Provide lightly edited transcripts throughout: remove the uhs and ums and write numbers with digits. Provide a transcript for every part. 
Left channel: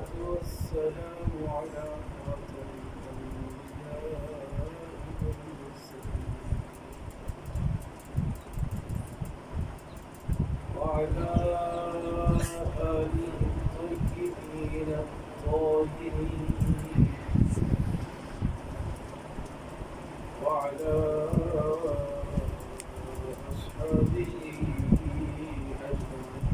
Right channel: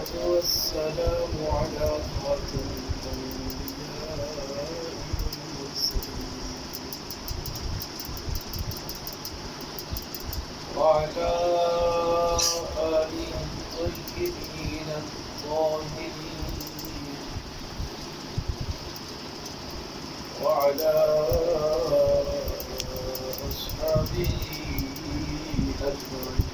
والصلاة والسلام على خاتم الأنبياء والمرسلين وعلى آله الطيبين الطاهرين وعلى أصحابه أجمعين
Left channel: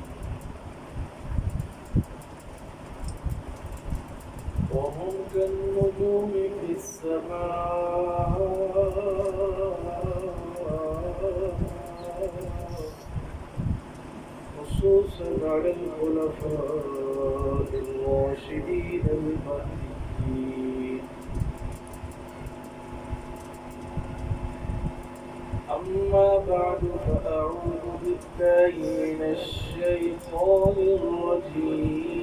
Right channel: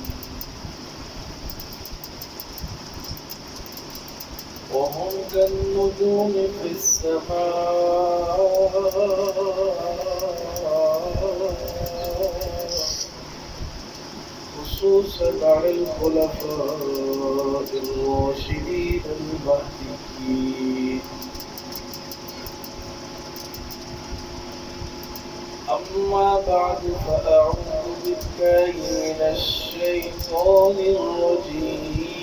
وهم كالنجوم في السماء خصوصا على الخلفاء الراشدين المهديين. أما بعد فأعوذ بالله من الشيطان الرجيم.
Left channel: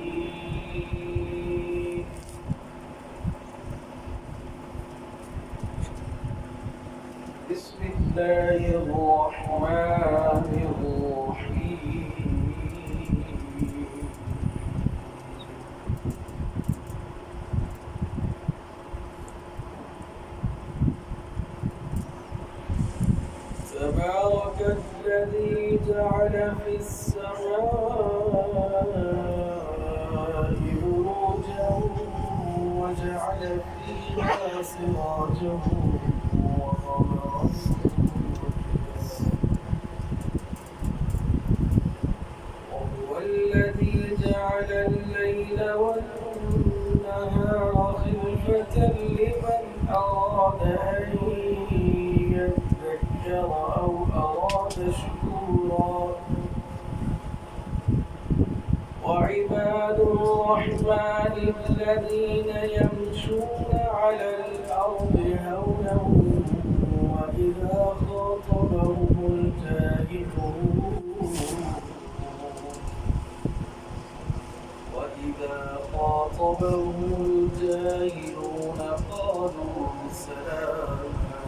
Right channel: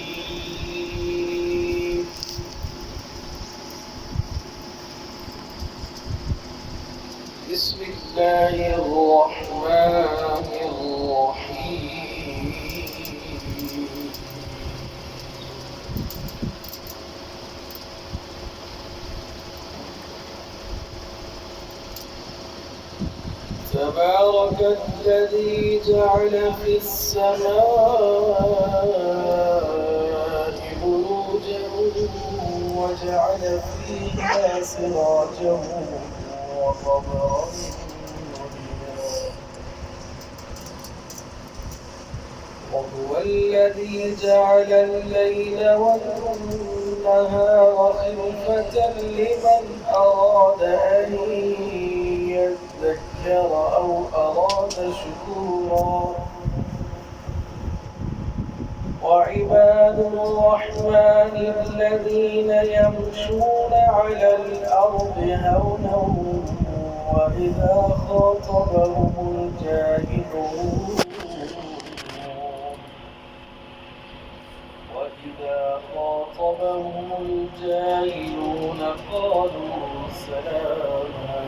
بسم الله الرحمن الرحيم. تبارك الذي جعل في السماء بروجا وجعل فيها سراجا وقمرا وهو الذي جعل الليل والنهار خلفة لمن أراد أن يذكر أو أراد شكورا. وعباد الرحمن الذين يمشون على الأرض هونا وإذا خاطبهم الجاهلون قالوا سلاما.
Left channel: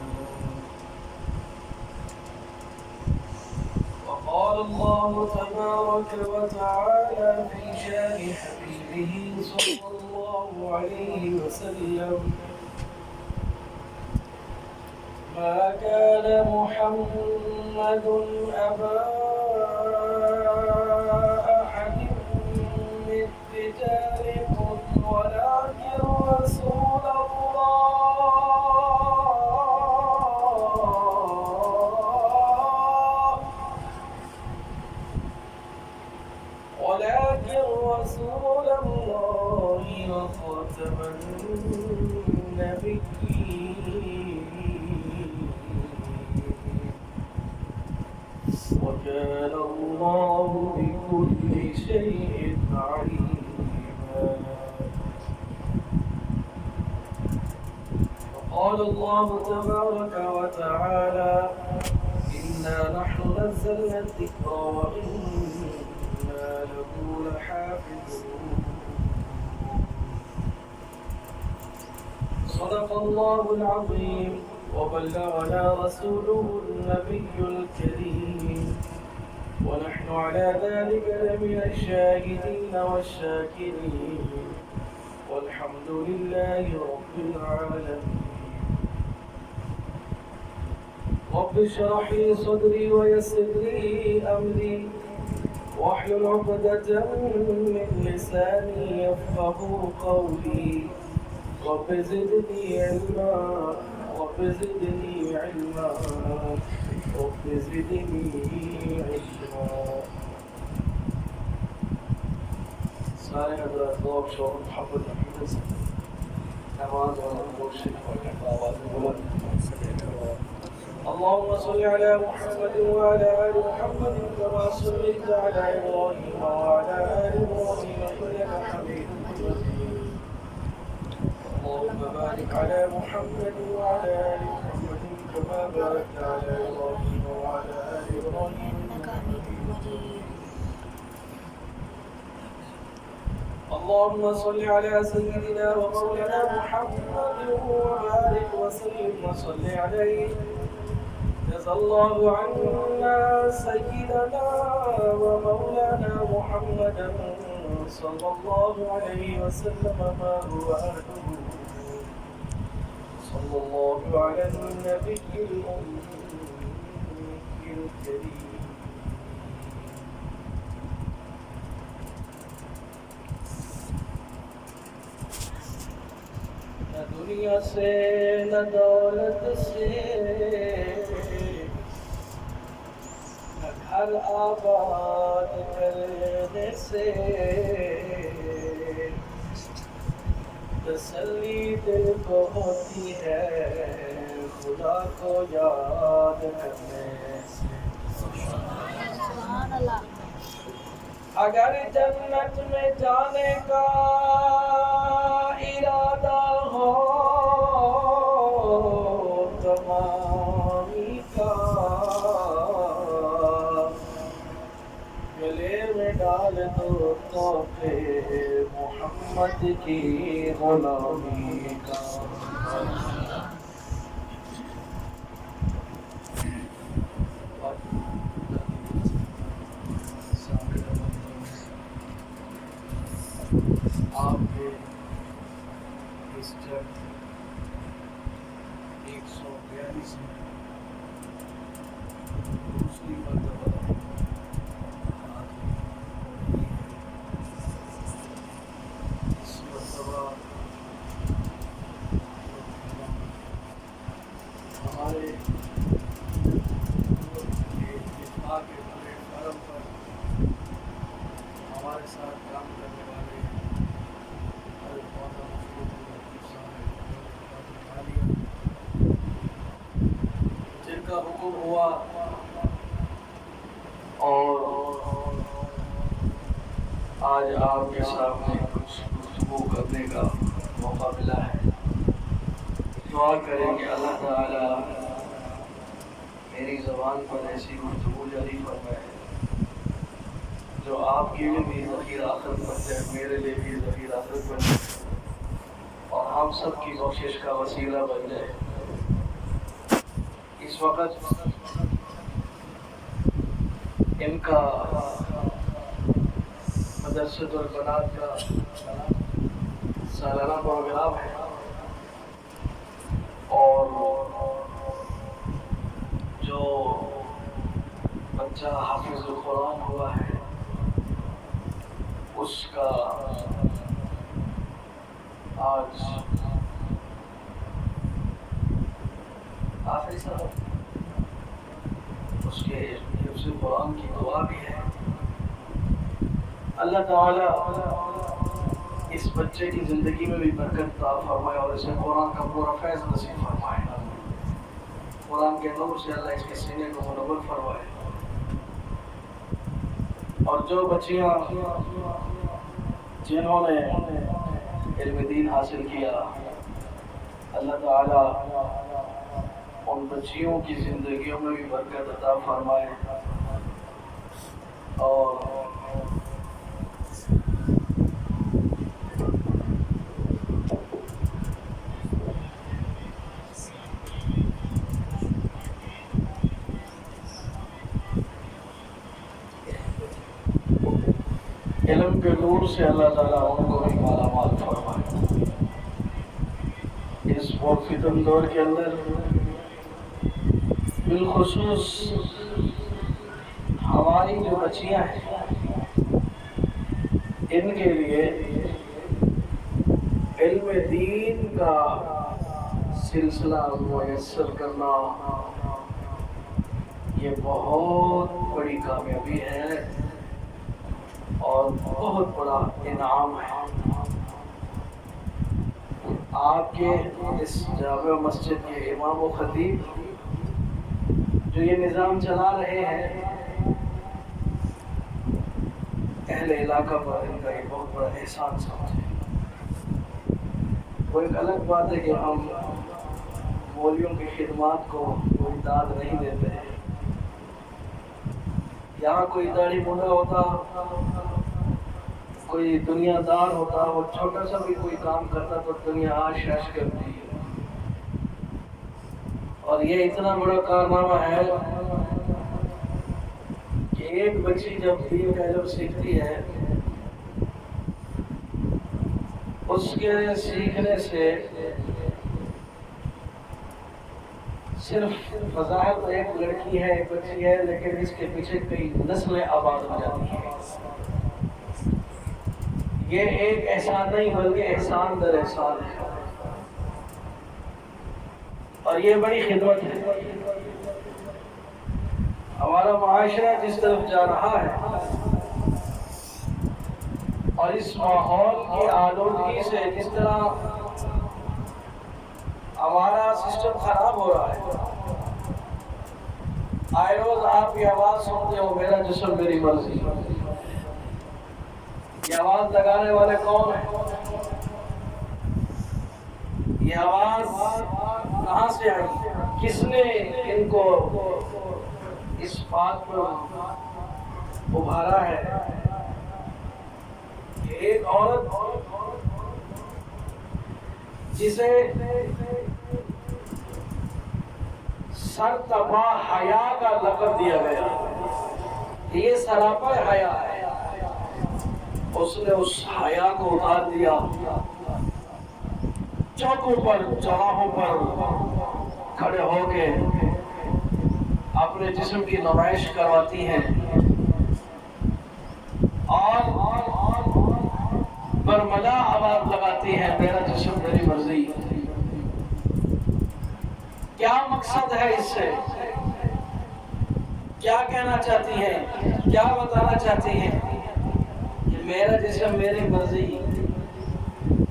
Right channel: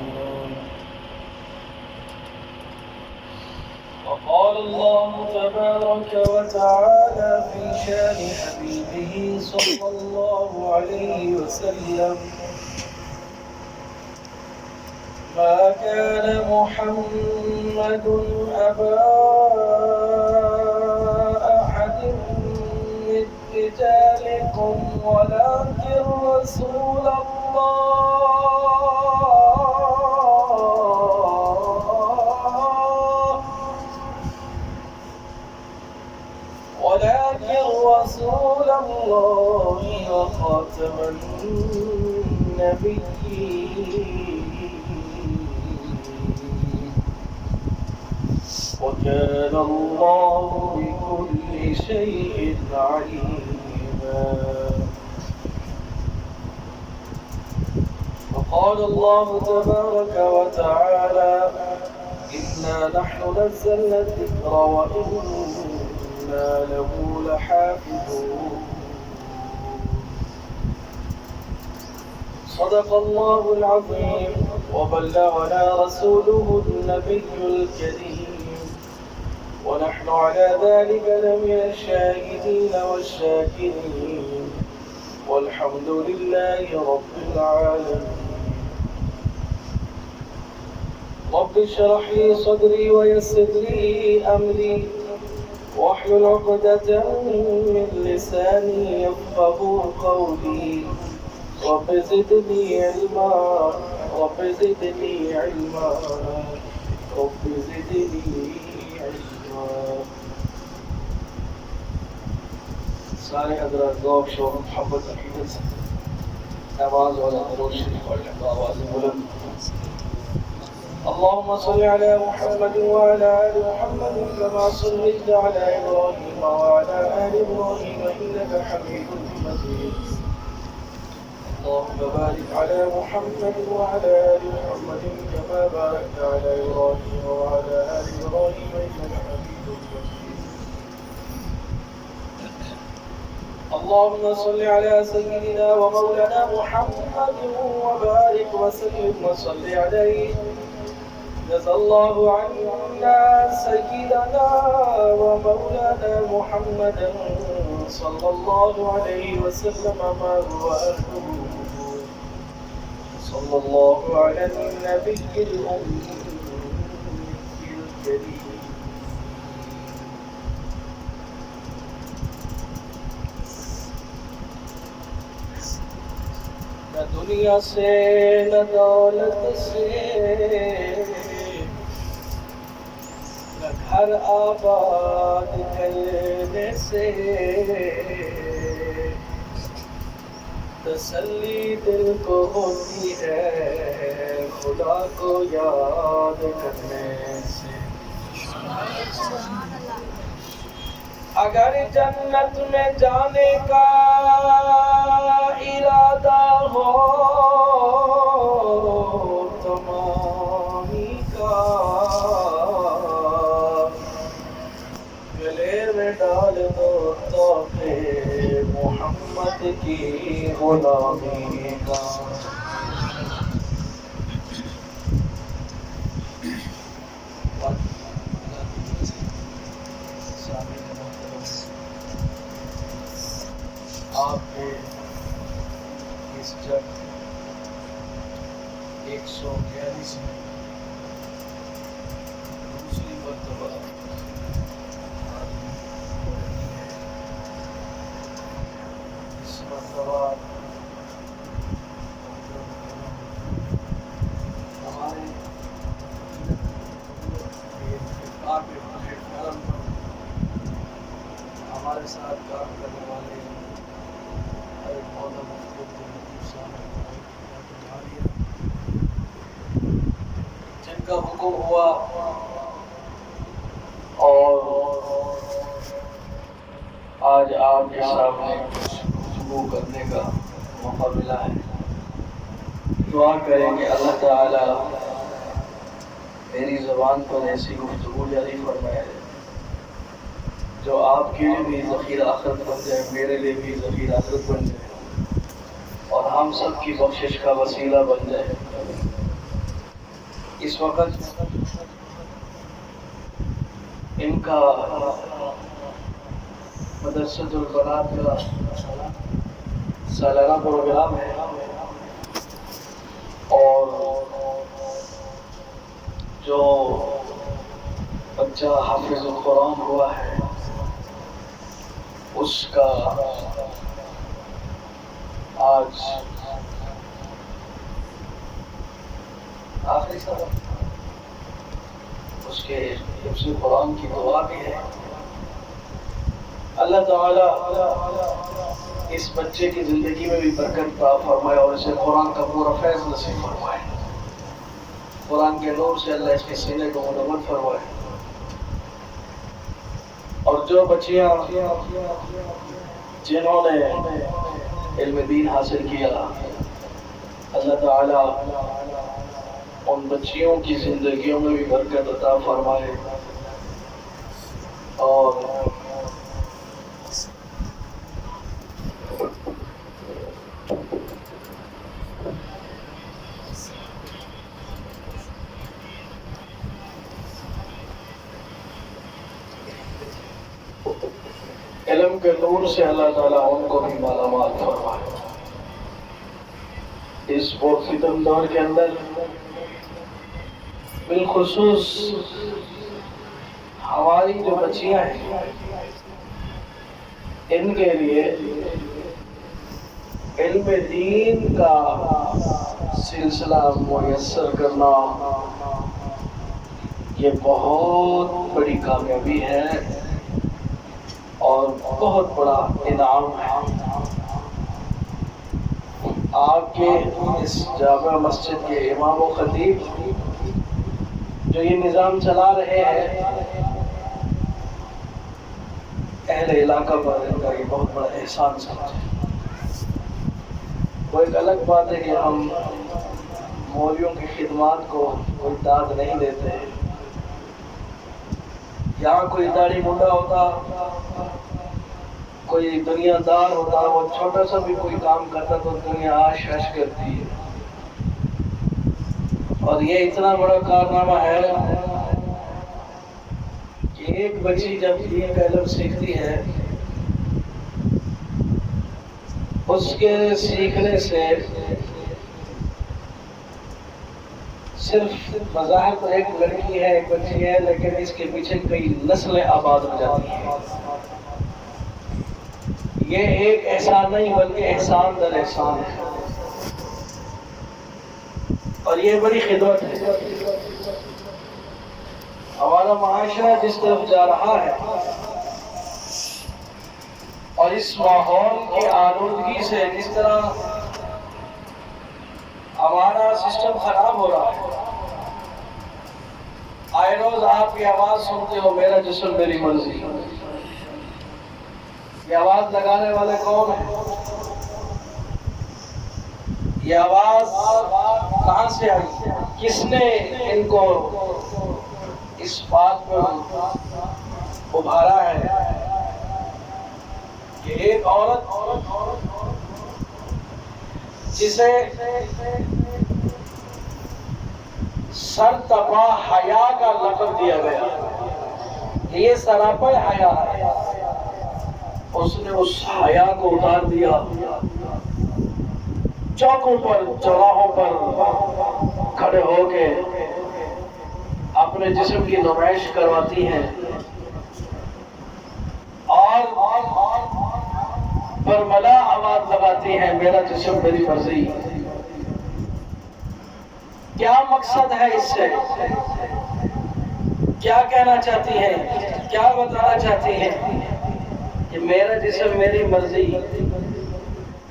وقال الله تبارك وتعالى في شان حبيبه صلى الله عليه وسلم: ما كان محمد أبا أحد من رجالكم ولكن رسول الله وخاتم النبيين وكان الله بكل شيء عليما. وقال الله تبارك وتعالى: إنا نحن نزلنا الذكر وإنا له لحافظون. صدق الله العظيم وبلغنا رسوله النبي الكريم ونحن على ذلك لمن الشاهدين والشاكرين والحمد لله رب العالمين. رب اشرح لي صدري ويسر لي أمري واحلل عقدة من لساني يفقهوا قولي. رب زدني علما رب زدني علما رب زدني علما. سارے حضرات ذوق شوق محبت عقیدت سے نماز والا درود شریف پڑھنے کا آواز بلند. اللهم صل على محمد وعلى آل محمد كما صليت على إبراهيم وعلى آل إبراهيم إنك حميد مجيد. اللهم بارك على محمد وعلى آل محمد كما باركت على إبراهيم وعلى آل إبراهيم إنك حميد مجيد. اللهم صل على سيدنا ومولانا محمد وبارك وسلم وصل عليه. جزا الله عنا سيدنا ومولانا محمدا صلى الله عليه وسلم ما هو أهله. صلى الله على النبي الأمي الكريم. نہ دنیا سے نہ دولت سے نہ گھر آباد کرنے سے تسلی دل کو ہوتی ہے خدا کو یاد کرنے سے. اگر جنت میں جانے کا ارادہ ہو تمامی کا گلے میں ڈال دو تحفے محمد کی غلامی کا. آپ نے اس جب 142 میں دوسری مرتبہ اس مرتبہ ہمارے اتباع کے پلیٹ فارم پر ہمارے ساتھ کام کرنے والے جن کا حکم ہوا اور آج آپ کے سامنے گفتگو کرنے کا موقع ملا ہے. دعا کریں کہ اللہ تعالی میری زبان پر ایسی گفتگو جاری فرمائے جو آپ کے لیے بھی ذخیرہ آخرت بن جائے, میرے لیے بھی ذخیرہ آخرت بن جائے اور ہم سب کی بخشش کا وسیلہ بن جائے. اس وقت ان کا مدرسۃ البنات کا سالانہ پروگرام ہے اور جو بچہ حافظ القرآن ہوا ہے اس کا آج آخری سبق, اس کے حفظ قرآن کی دعا بھی ہے. اللہ تعالی اس بچے کی زندگی میں بھی برکت عطا فرمائے اور اسے قرآن کا پورا فیض نصیب فرمائے. قرآن کے نور سے اللہ اس کے سینے کو منور فرمائے. اور جو بچیاں جنہوں نے علم دین حاصل کیا, اللہ تعالی ان بچیوں کی زندگیوں میں بھی برکت عطا فرمائے اور علم کے نور سے اللہ تعالیٰ ان کو بھی مالا مال فرمائے. اس پرفتن دور کے اندر بالخصوص ہماری جو بچیاں ہیں ان کے لیے علم دین کا سلسلہ میسر کرنا یہ بہت بڑی کامیابی ہے اور بہت بڑا انعام ہے. آپ کے اس جامع مسجد کے امام و خطیب جو یہ نظام چلا رہے ہیں, اہل علاقہ پر ان کا یہ بہت بڑا احسان سمجھے. وہ ایک الگ بات ہے کہ ہم مولویوں کی خدمات کو کوئی داد نہیں دیتے ہیں. یہاں کوئی داڑھی منڈا ہوتا, کوئی دنیا دار ہوتا, وہ چھوٹا سا بھی کوئی کام کرتا تو دنیا آش آش کرتی ہے. اور یہ اتنا بڑا کارنامہ ہے کہ ایک بچی جب دین کا علم سیکھتی ہے اس کے سیکھنے سے صرف بظاہر تو ایک لڑکی ہے، ایک بچی ہے، لیکن اس کے پیچھے کئی نسلیں آباد ہو جاتی ہیں۔ یہ ایک احسان نہیں بلکہ احسان در احسان ہے، اور یہ بڑی خدمت ہے۔ ہمارا معاشرہ جس طرف جا رہا ہے اور اس ماحول کی آلودگی سے جس طرح ہمارا سسٹم خراب ہو رہا ہے، آئے روز آپ یہ آواز سنتے ہو، میرا جسم میری مرضی۔ یہ آواز لگانے والے کون ہیں؟ یہ آواز کہاں سے آئی؟ کس نے ان کو اس بات پر ابھارا ہے کہ ایک عورت جسے سرتپا حیا کا لقب دیا گیا، یہ سراپا حیا ہے، اس نے اس حیا کو اتار دیا، چوکوں پر چوراہوں پر کھڑے ہو کے اپنے جسم کی نمائش کرواتی ہیں اور برملا آواز لگاتی ہیں، میرا جسم میری مرضی۔ کیا مقصد ہے اس سے؟ کیا کہنا چاہتی ہیں؟ کیا بتانا چاہتی ہیں؟ کہ میرا جسم میری مرضی۔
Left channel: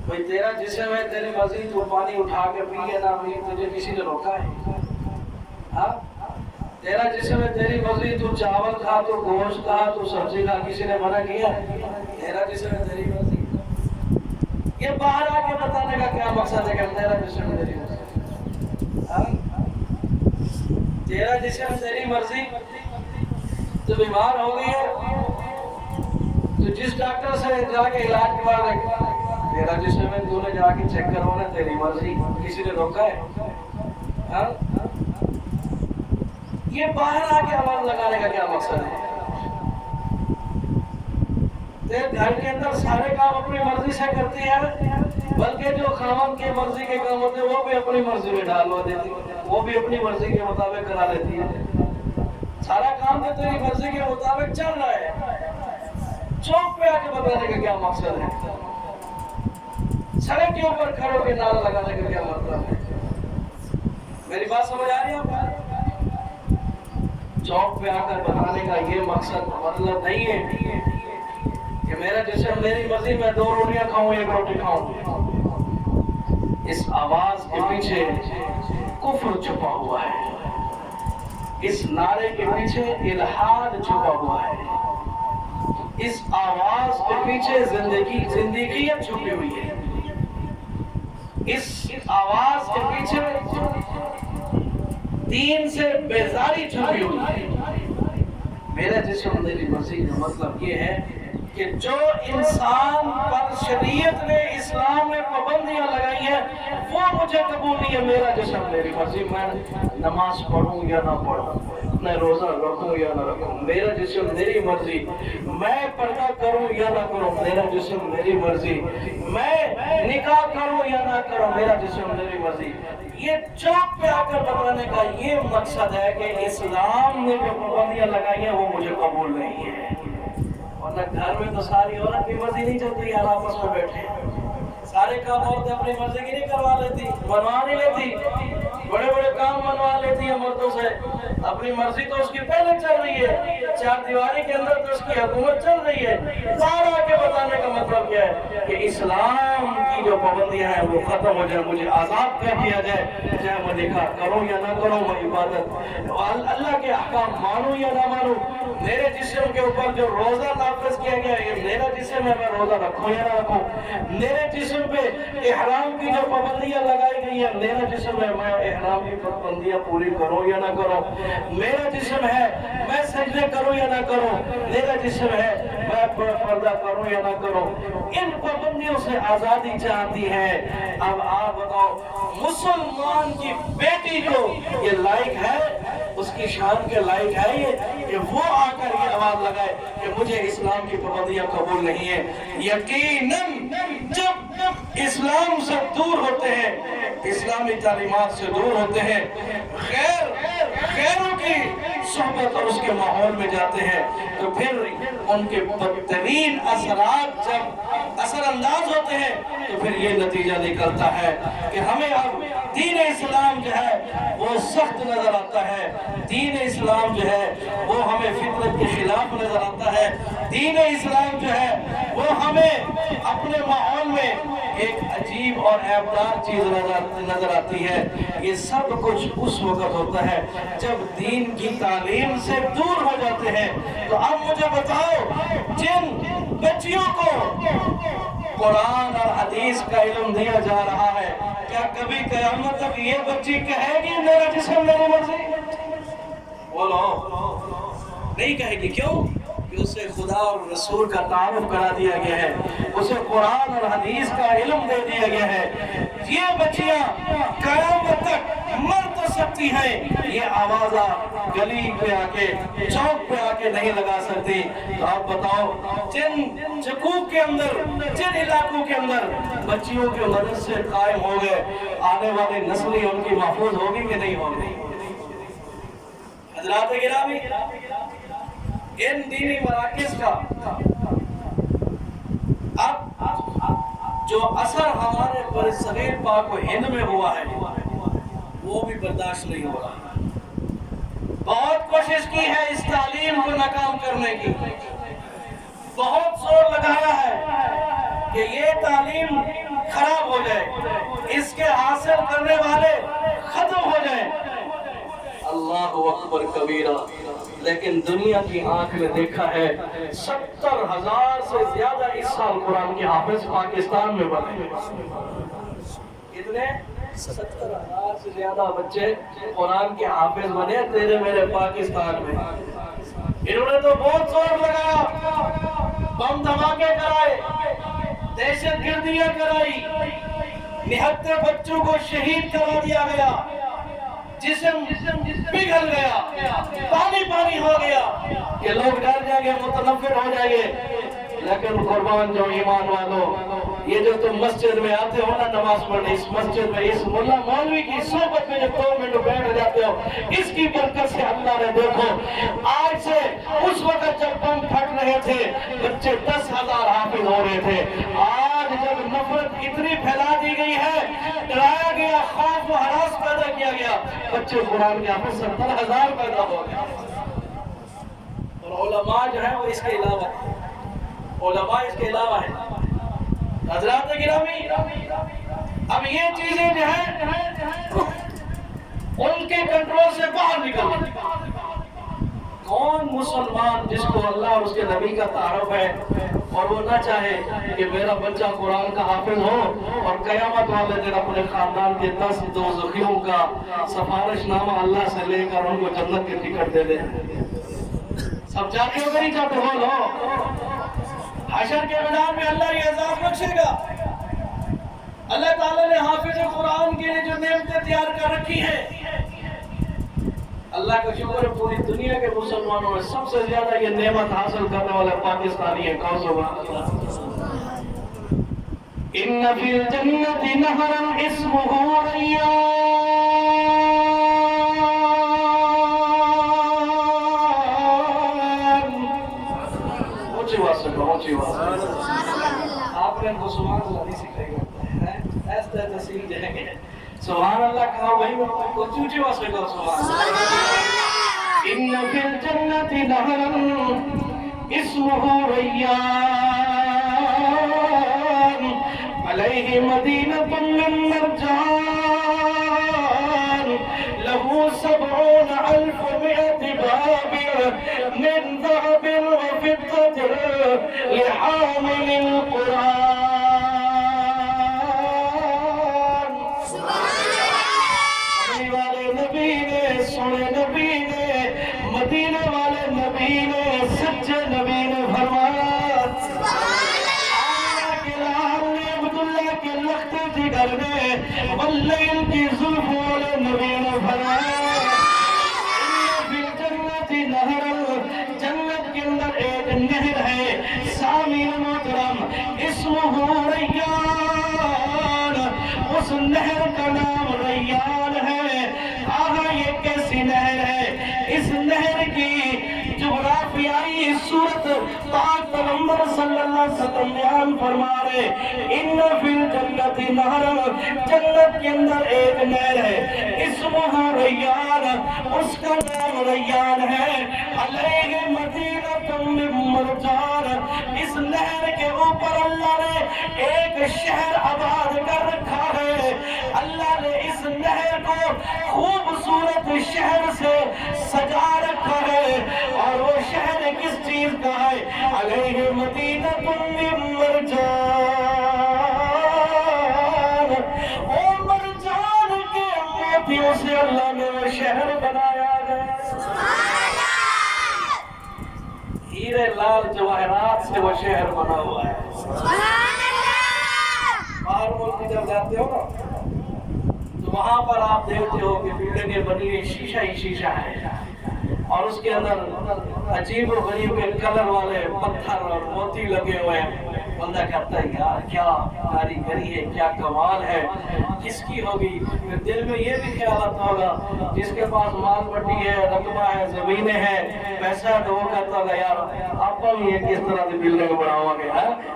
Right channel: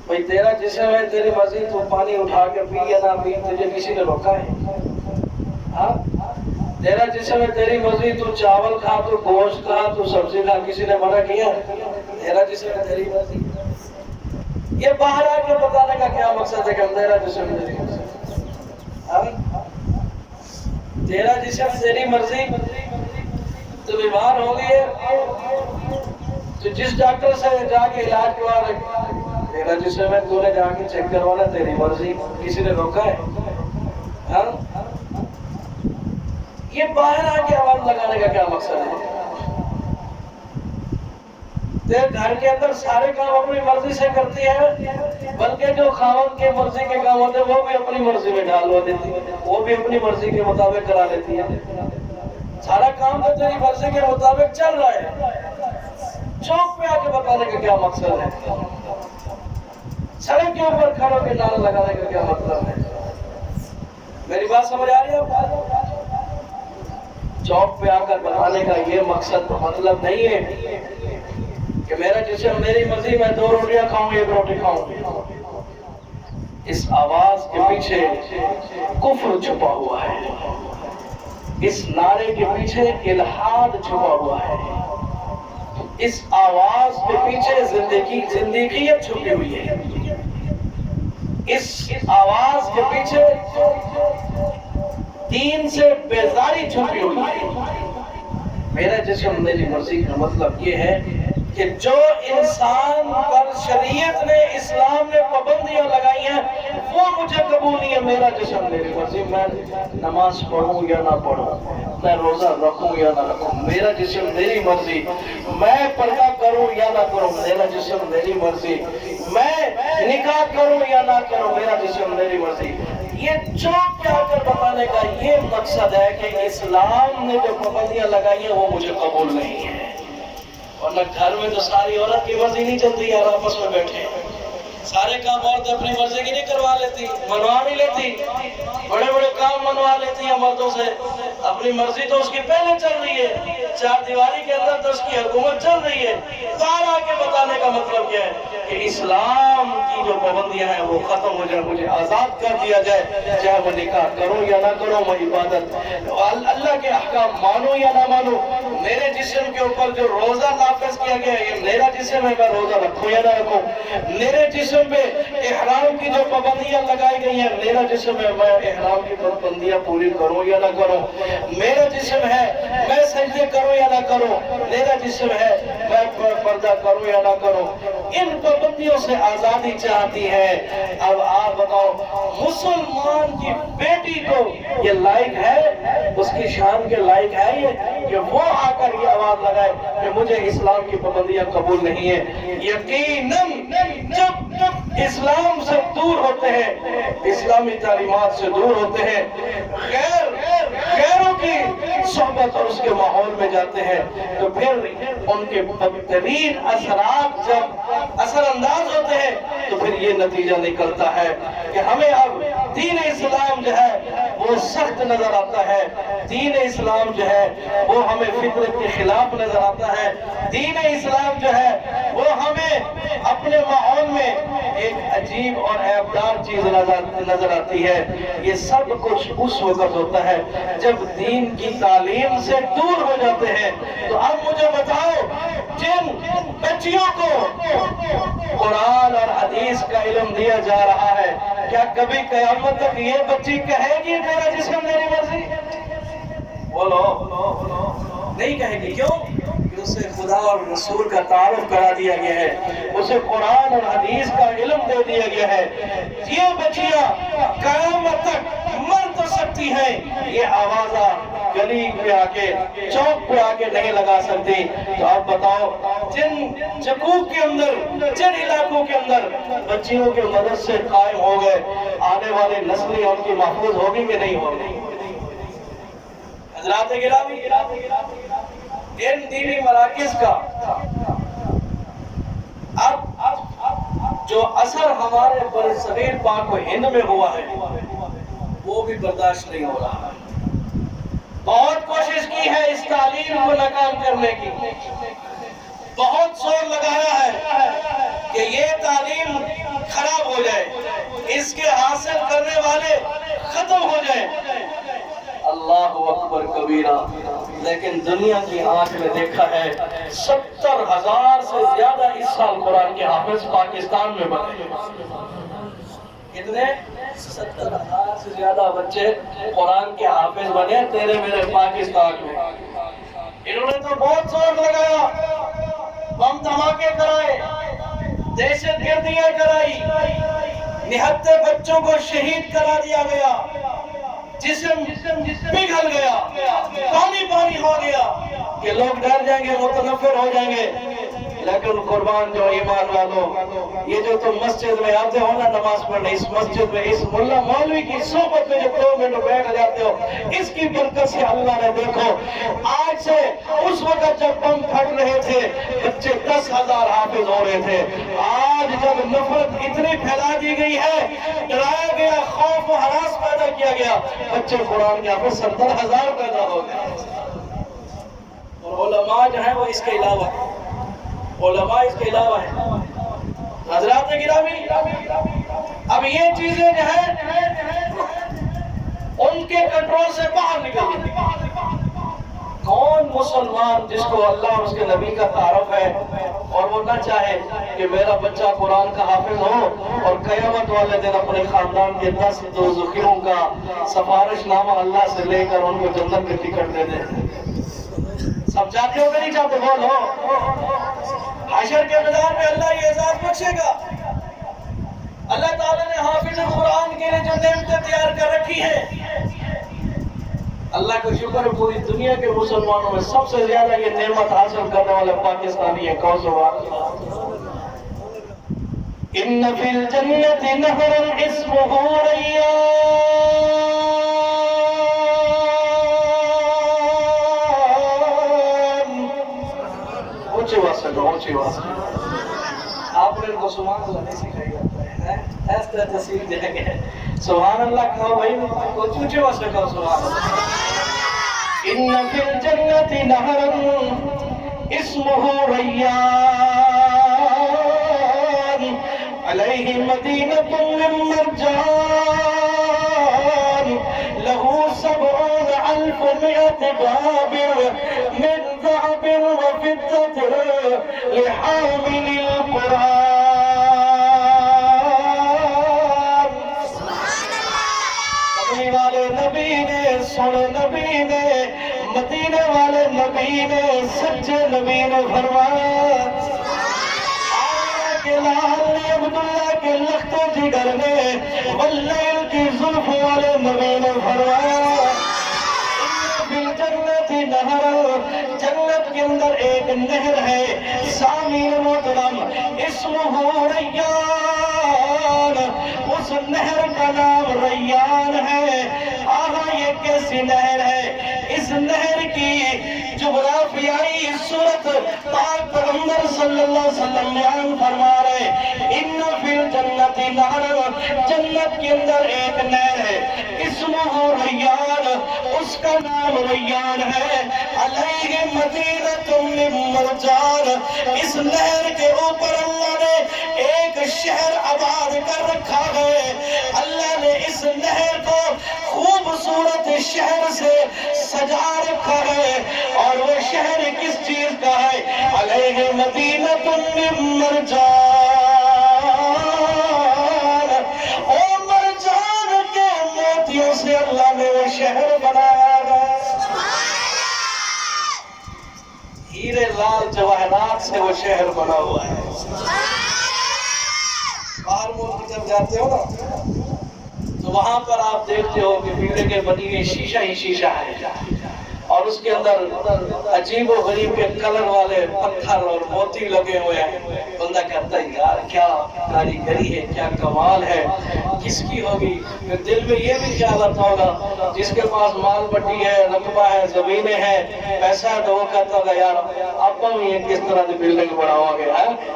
بھئی تیرا جسم ہے، تیری مرضی، تو پانی اٹھا کے پی یا نہ پی، تجھے کسی نے روکا ہے؟ ہاں؟ تیرا جسم ہے، تیری مرضی، تو چاول کھا، تو گوشت کھا، تو سبزی کھا، کسی نے منع کیا؟ تیرا جسم ہے، تیری مرضی۔ یہ باہر آ کے بتانے کا کیا مقصد ہے کہ تیرا جسم ہے، تیری مرضی؟ تیرا جسم تیری مرضی، تو بیمار ہو گئی ہے تو جس ڈاکٹر سے جا کے علاج کروانا، تیرا جسم ہے، تو نے جا کے چیک کروانا، تیری مرضی، کسی نے روکا ہے؟ ہاں؟ یہ باہر آ کے آواز لگانے کا کیا مقصد ہے؟ تیرے گھر کے اندر سارے کام اپنی مرضی سے کرتی ہے، بلکہ جو خاوند کے مرضی کے کام ہوتے ہیں وہ بھی اپنی مرضی میں ڈالوا دیتی ہے، وہ بھی اپنی مرضی کے مطابق کرا لیتی ہے۔ سارا کام تو تیری مرضی کے مطابق چل رہا ہے، چوک پہ آ کے بتانے کا کیا مقصد ہے؟ سڑک کے اوپر کھڑوں کے نعرہ لگانے کا کیا مطلب ہے؟ میری بات سمجھ آ رہی ہے آپ کو؟ چوک پہ آ کر بتانے کا یہ مقصد مطلب نہیں ہے کہ میرا جسم میری مرضی، میں 2 روٹیاں کھاؤں، 1 روٹی کھاؤں۔ اس آواز کے پیچھے کفر چھپا ہوا ہے، اس نعرے کے پیچھے الحاد چھپا ہوا ہے، اس آواز کے پیچھے زندگیت چھپی ہوئی ہے، اس آواز کے پیچھے دین سے بیزاری چھپی ہوئی ہے۔ میرا جسم میری مرضی کا مطلب یہ ہے کہ جو انسان پر شریعت نے، اسلام نے پابندیاں لگائی ہیں وہ مجھے قبول نہیں ہے۔ میرا جسم میری مرضی، میں نماز پڑھوں یا نہ پڑھوں، میں روزہ رکھوں یا نہ رکھوں، میرا جسم میری مرضی، میں پردہ کروں یا نہ کروں، میرا جسم میری مرضی، میں نکاح کروں یا نہ کروں، میرا جسم میری مرضی۔ یہ چوک پہ آ کر بتانے کا یہ مقصد ہے کہ اسلام نے جو پابندیاں لگائی ہیں وہ مجھے قبول نہیں ہے۔ ورنہ گھر میں تو ساری عورت کی مرضی نہیں چلتی، یار آپس میں بیٹھے سارے کام عورتیں اپنی مرضی کی نہیں کروا لیتی، منوا نہیں لیتی، بڑے بڑے کام منوا لیتی ہیں مردوں سے، اپنی مرضی تو اس کی پہلے چل رہی ہے، 4 دیواری کے اندر تو اس کی حکومت چل رہی ہے۔ باہر آ کے بتانے کا مطلب کیا ہے کہ اسلام کی جو پابندیاں ہیں وہ ختم ہو جائے، مجھے آزاد کر دیا جائے، چاہے میں نکاح کروں یا نہ کروں، میں عبادت اللہ کے احکام مانوں یا نہ مانوں، میرے جسم کے اوپر جو روزہ نافذ کیا گیا ہے، یہ میرا جسم ہے، میں روزہ رکھوں یا نہ رکھوں، میرے جسم پہ احرام کی جو پابندیاں لگائی گئی ہیں، میرا جسم ہے، میں احرام کی پابندیاں پوری کروں یا نہ کروں، میرا جسم ہے، میں سجدے کروں یا نہ کروں، میرا جسم ہے، میں پردہ کروں یا نہ کروں۔ ان پابندیوں سے آزادی چاہتی ہے۔ اب آپ بتاؤ، مسلمان کی بیٹی کو یہ لائق ہے، اس کی شان کے لائق ہے یہ کہ وہ آ کر یہ آواز لگائے کہ مجھے اسلام کی پابندیاں قبول نہیں ہے؟ یقیناً جب اسلام سے دور ہوتے ہیں، اسلامی تعلیمات سے دور ہوتے ہیں، غیروں کی صحبت اور اس کے ماحول میں جاتے ہیں، تو پھر ان کے بدترین اثرات جب اثر انداز ہوتے ہیں تو پھر یہ نتیجہ نکلتا ہے کہ ہمیں اب دین اسلام جو ہے وہ سخت نظر آتا ہے، دین اسلام جو ہے وہ ہمیں فطرت کے خلاف نظر آتا ہے، دین اسلام جو ہے وہ ہمیں اپنے ماحول میں ایک عجیب اور عیبدار چیز نظر آتی ہے۔ یہ سب کچھ اس وقت ہوتا ہے جب دین کی تعلیم سے دور ہو جاتے ہیں۔ تو اب مجھے بتاؤ، جن بچیوں کو قرآن اور حدیث کا علم دیا جا رہا ہے، کیا کبھی قیامت تک یہ بچی کہے گی میرا جسم میری مرضی؟ بولو، نہیں کہے گی۔ کیوں؟ کہ اسے خدا اور رسول کا تعارف کرا دیا گیا ہے، اسے قرآن اور حدیث کا علم دے دیا گیا ہے۔ یہ بچیاں قیامت تک مر تو سکتی ہیں، یہ آوازہ گلی پہ آ کے، چوک پہ آ کے نہیں لگا سکتی۔ تو آپ بتاؤ، جن چکوک کے اندر، جن علاقوں کے اندر بچیوں کے مدرسے قائم ہو گئے، آنے والی نسلیں ان کی محفوظ ہوگی کہ نہیں ہوگی؟ حضرات گرامی، ان دینی مراکز کا اب جو اثر ہمارے برصغیر پاک و ہند میں ہوا ہے وہ بھی برداشت نہیں ہو رہا۔ بہت کوشش کی ہے اس تعلیم کو ناکام کرنے کی، بہت زور لگایا ہے کہ یہ تعلیم خراب ہو جائے، اس کے حاصل کرنے والے ختم ہو جائیں۔ اللہ اکبر کبیرہ، لیکن دنیا کی آنکھ میں دیکھا ہے 70,000 سے زیادہ اس سال قرآن کے حافظ پاکستان میں بنے۔ کتنے؟ 70,000 سے زیادہ بچے قرآن کے حافظ بنے تیرے میرے پاکستان میں۔ انہوں نے تو بہت زور لگایا، بم دھماکے کرائے، دہشت گردیاں کرائی، نہتے بچوں کو شہید کرا دیا گیا، جسم پگھل گیا، پانی پانی ہو گیا کہ لوگ ڈر جائیں گے، متنفر ہو جائیں گے۔ لیکن قربان جو ایمان والوں، یہ جو تم مسجد میں آتے ہو نا نماز پڑھنے، اس مسجد میں اس ملا مولوی کی صحبت میں جو 2 منٹ بیٹھ جاتے ہو، اس کی برکت سے اللہ نے دیکھو آج سے اس وقت جب بم پھٹ رہے تھے بچے 10,000 حافظ ہو رہے تھے، آج جب نفرت اتنی پھیلا دی گئی ہے، ڈرایا گیا، خوف و ہراس پیدا کیا گیا، بچے قرآن کے حافظ 70,000 پیدا ہو گئے۔ اور علماء جو ہیں وہ اس کے علاوہ ہیں، علماء اس کے علاوہ ہیں۔ حضرات گرامی، اب یہ چیزیں جو ہیں ان کے کنٹرول سے باہر نکل گئی۔ کون مسلمان جس کو اللہ اور اس کے نبی کا تعارف ہے اور وہ نہ چاہے کہ میرا بچہ قرآن کا حافظ ہو اور قیامت والے دن اپنے خاندان کے 10 دوزخیوں کا سفارش نامہ اللہ سے لے کر ان کو جنت کے ٹکٹ دے دے؟ سب چاہتے ہو کہ نہیں چاہتے؟ بولو۔ حشر کے میدان میں اللہ یہ اعزاز بخشے گا۔ اللہ تعالیٰ نے حافظ قرآن کے لیے جو نعمتیں تیار کر رکھی ہیں، اللہ کا شکر ہے پوری دنیا کے مسلمانوں میں سب سے زیادہ یہ نعمت حاصل کرنے والا پاکستانی ہے۔ کون سبحان اللہ؟ ان فی الجنت نہرا اسمہ ریان، اونچی آواز سے کہو، اونچی آواز سے۔ آپ نے ان کو سبحان اللہ نہیں سکھائی گا، ایسا تصویر دیں گے سبحان اللہ کہو بھائی، اونچی آواز سے کہو سبحان اللہ۔ ان فی الجنت نہرا اسمہ ریان، علیہ مدینۃ من مرجان، لہ 70,000 باب من ذهب وفضة لحامل القرآن۔ کملی والے نبی نے، سنے نبی نے، مدینے والے نبی نے، سچے نبی نے فرمایا، آمنہ کے لال نے، عبداللہ کے لخت جگر نے، واللیل کی زلف والے نبی نے فرمایا، ان فی الجنت نہر، جنت کے اندر ایک نہر ہے، سامعین محترم، اسمہ ریان، نہر کا نام ریان ہے۔ آہا یہ کیسی نہر ہے؟ اس نہر کی جغرافیائی صورت پاک پیغمبر صلی اللہ علیہ وسلم بیان فرما رہے، ان فی الجنت نہر، جنت کے اندر ایک نہر ہے، اسمہ ریان، اس کا نام ریان ہے، علیہ مدینۃ من مرجان، اس نہر کے اوپر اللہ نے ایک شہر آباد کر رکھا ہے۔ اللہ نے اس نہر کو خوبصورت شہر سے سجا رکھا ہے، اور وہ شہر کس چیز کا ہے؟ علیہ مدینۃ من مرجان، اور مرجان کے موتیوں سے اللہ نے وہ شہر بنایا ہے۔ ہیرے لال جواہرات سے وہ شہر بنا ہوا ہے۔ باہر ملک جب جاتے ہو نا تو وہاں پر آپ دیکھتے ہو کہ بلڈنگیں بنی ہوئی شیشہ ہی شیشہ ہے، اور اس کے اندر عجیب و غریب کے کلر والے پتھر اور موتی لگے ہوئے ہیں۔ بندہ کہتا ہے یار کیا کاریگری ہے، کیا کمال ہے، کس کی ہوگی؟ پھر دل میں یہ بھی خیال آتا ہوگا جس کے پاس مال بٹی ہے، رقبہ ہے، زمینیں ہیں، پیسہ ہے، تو وہ کہتا ہوگا یار آپ کو یہ کس طرح کی بلڈنگ بناؤ گے؟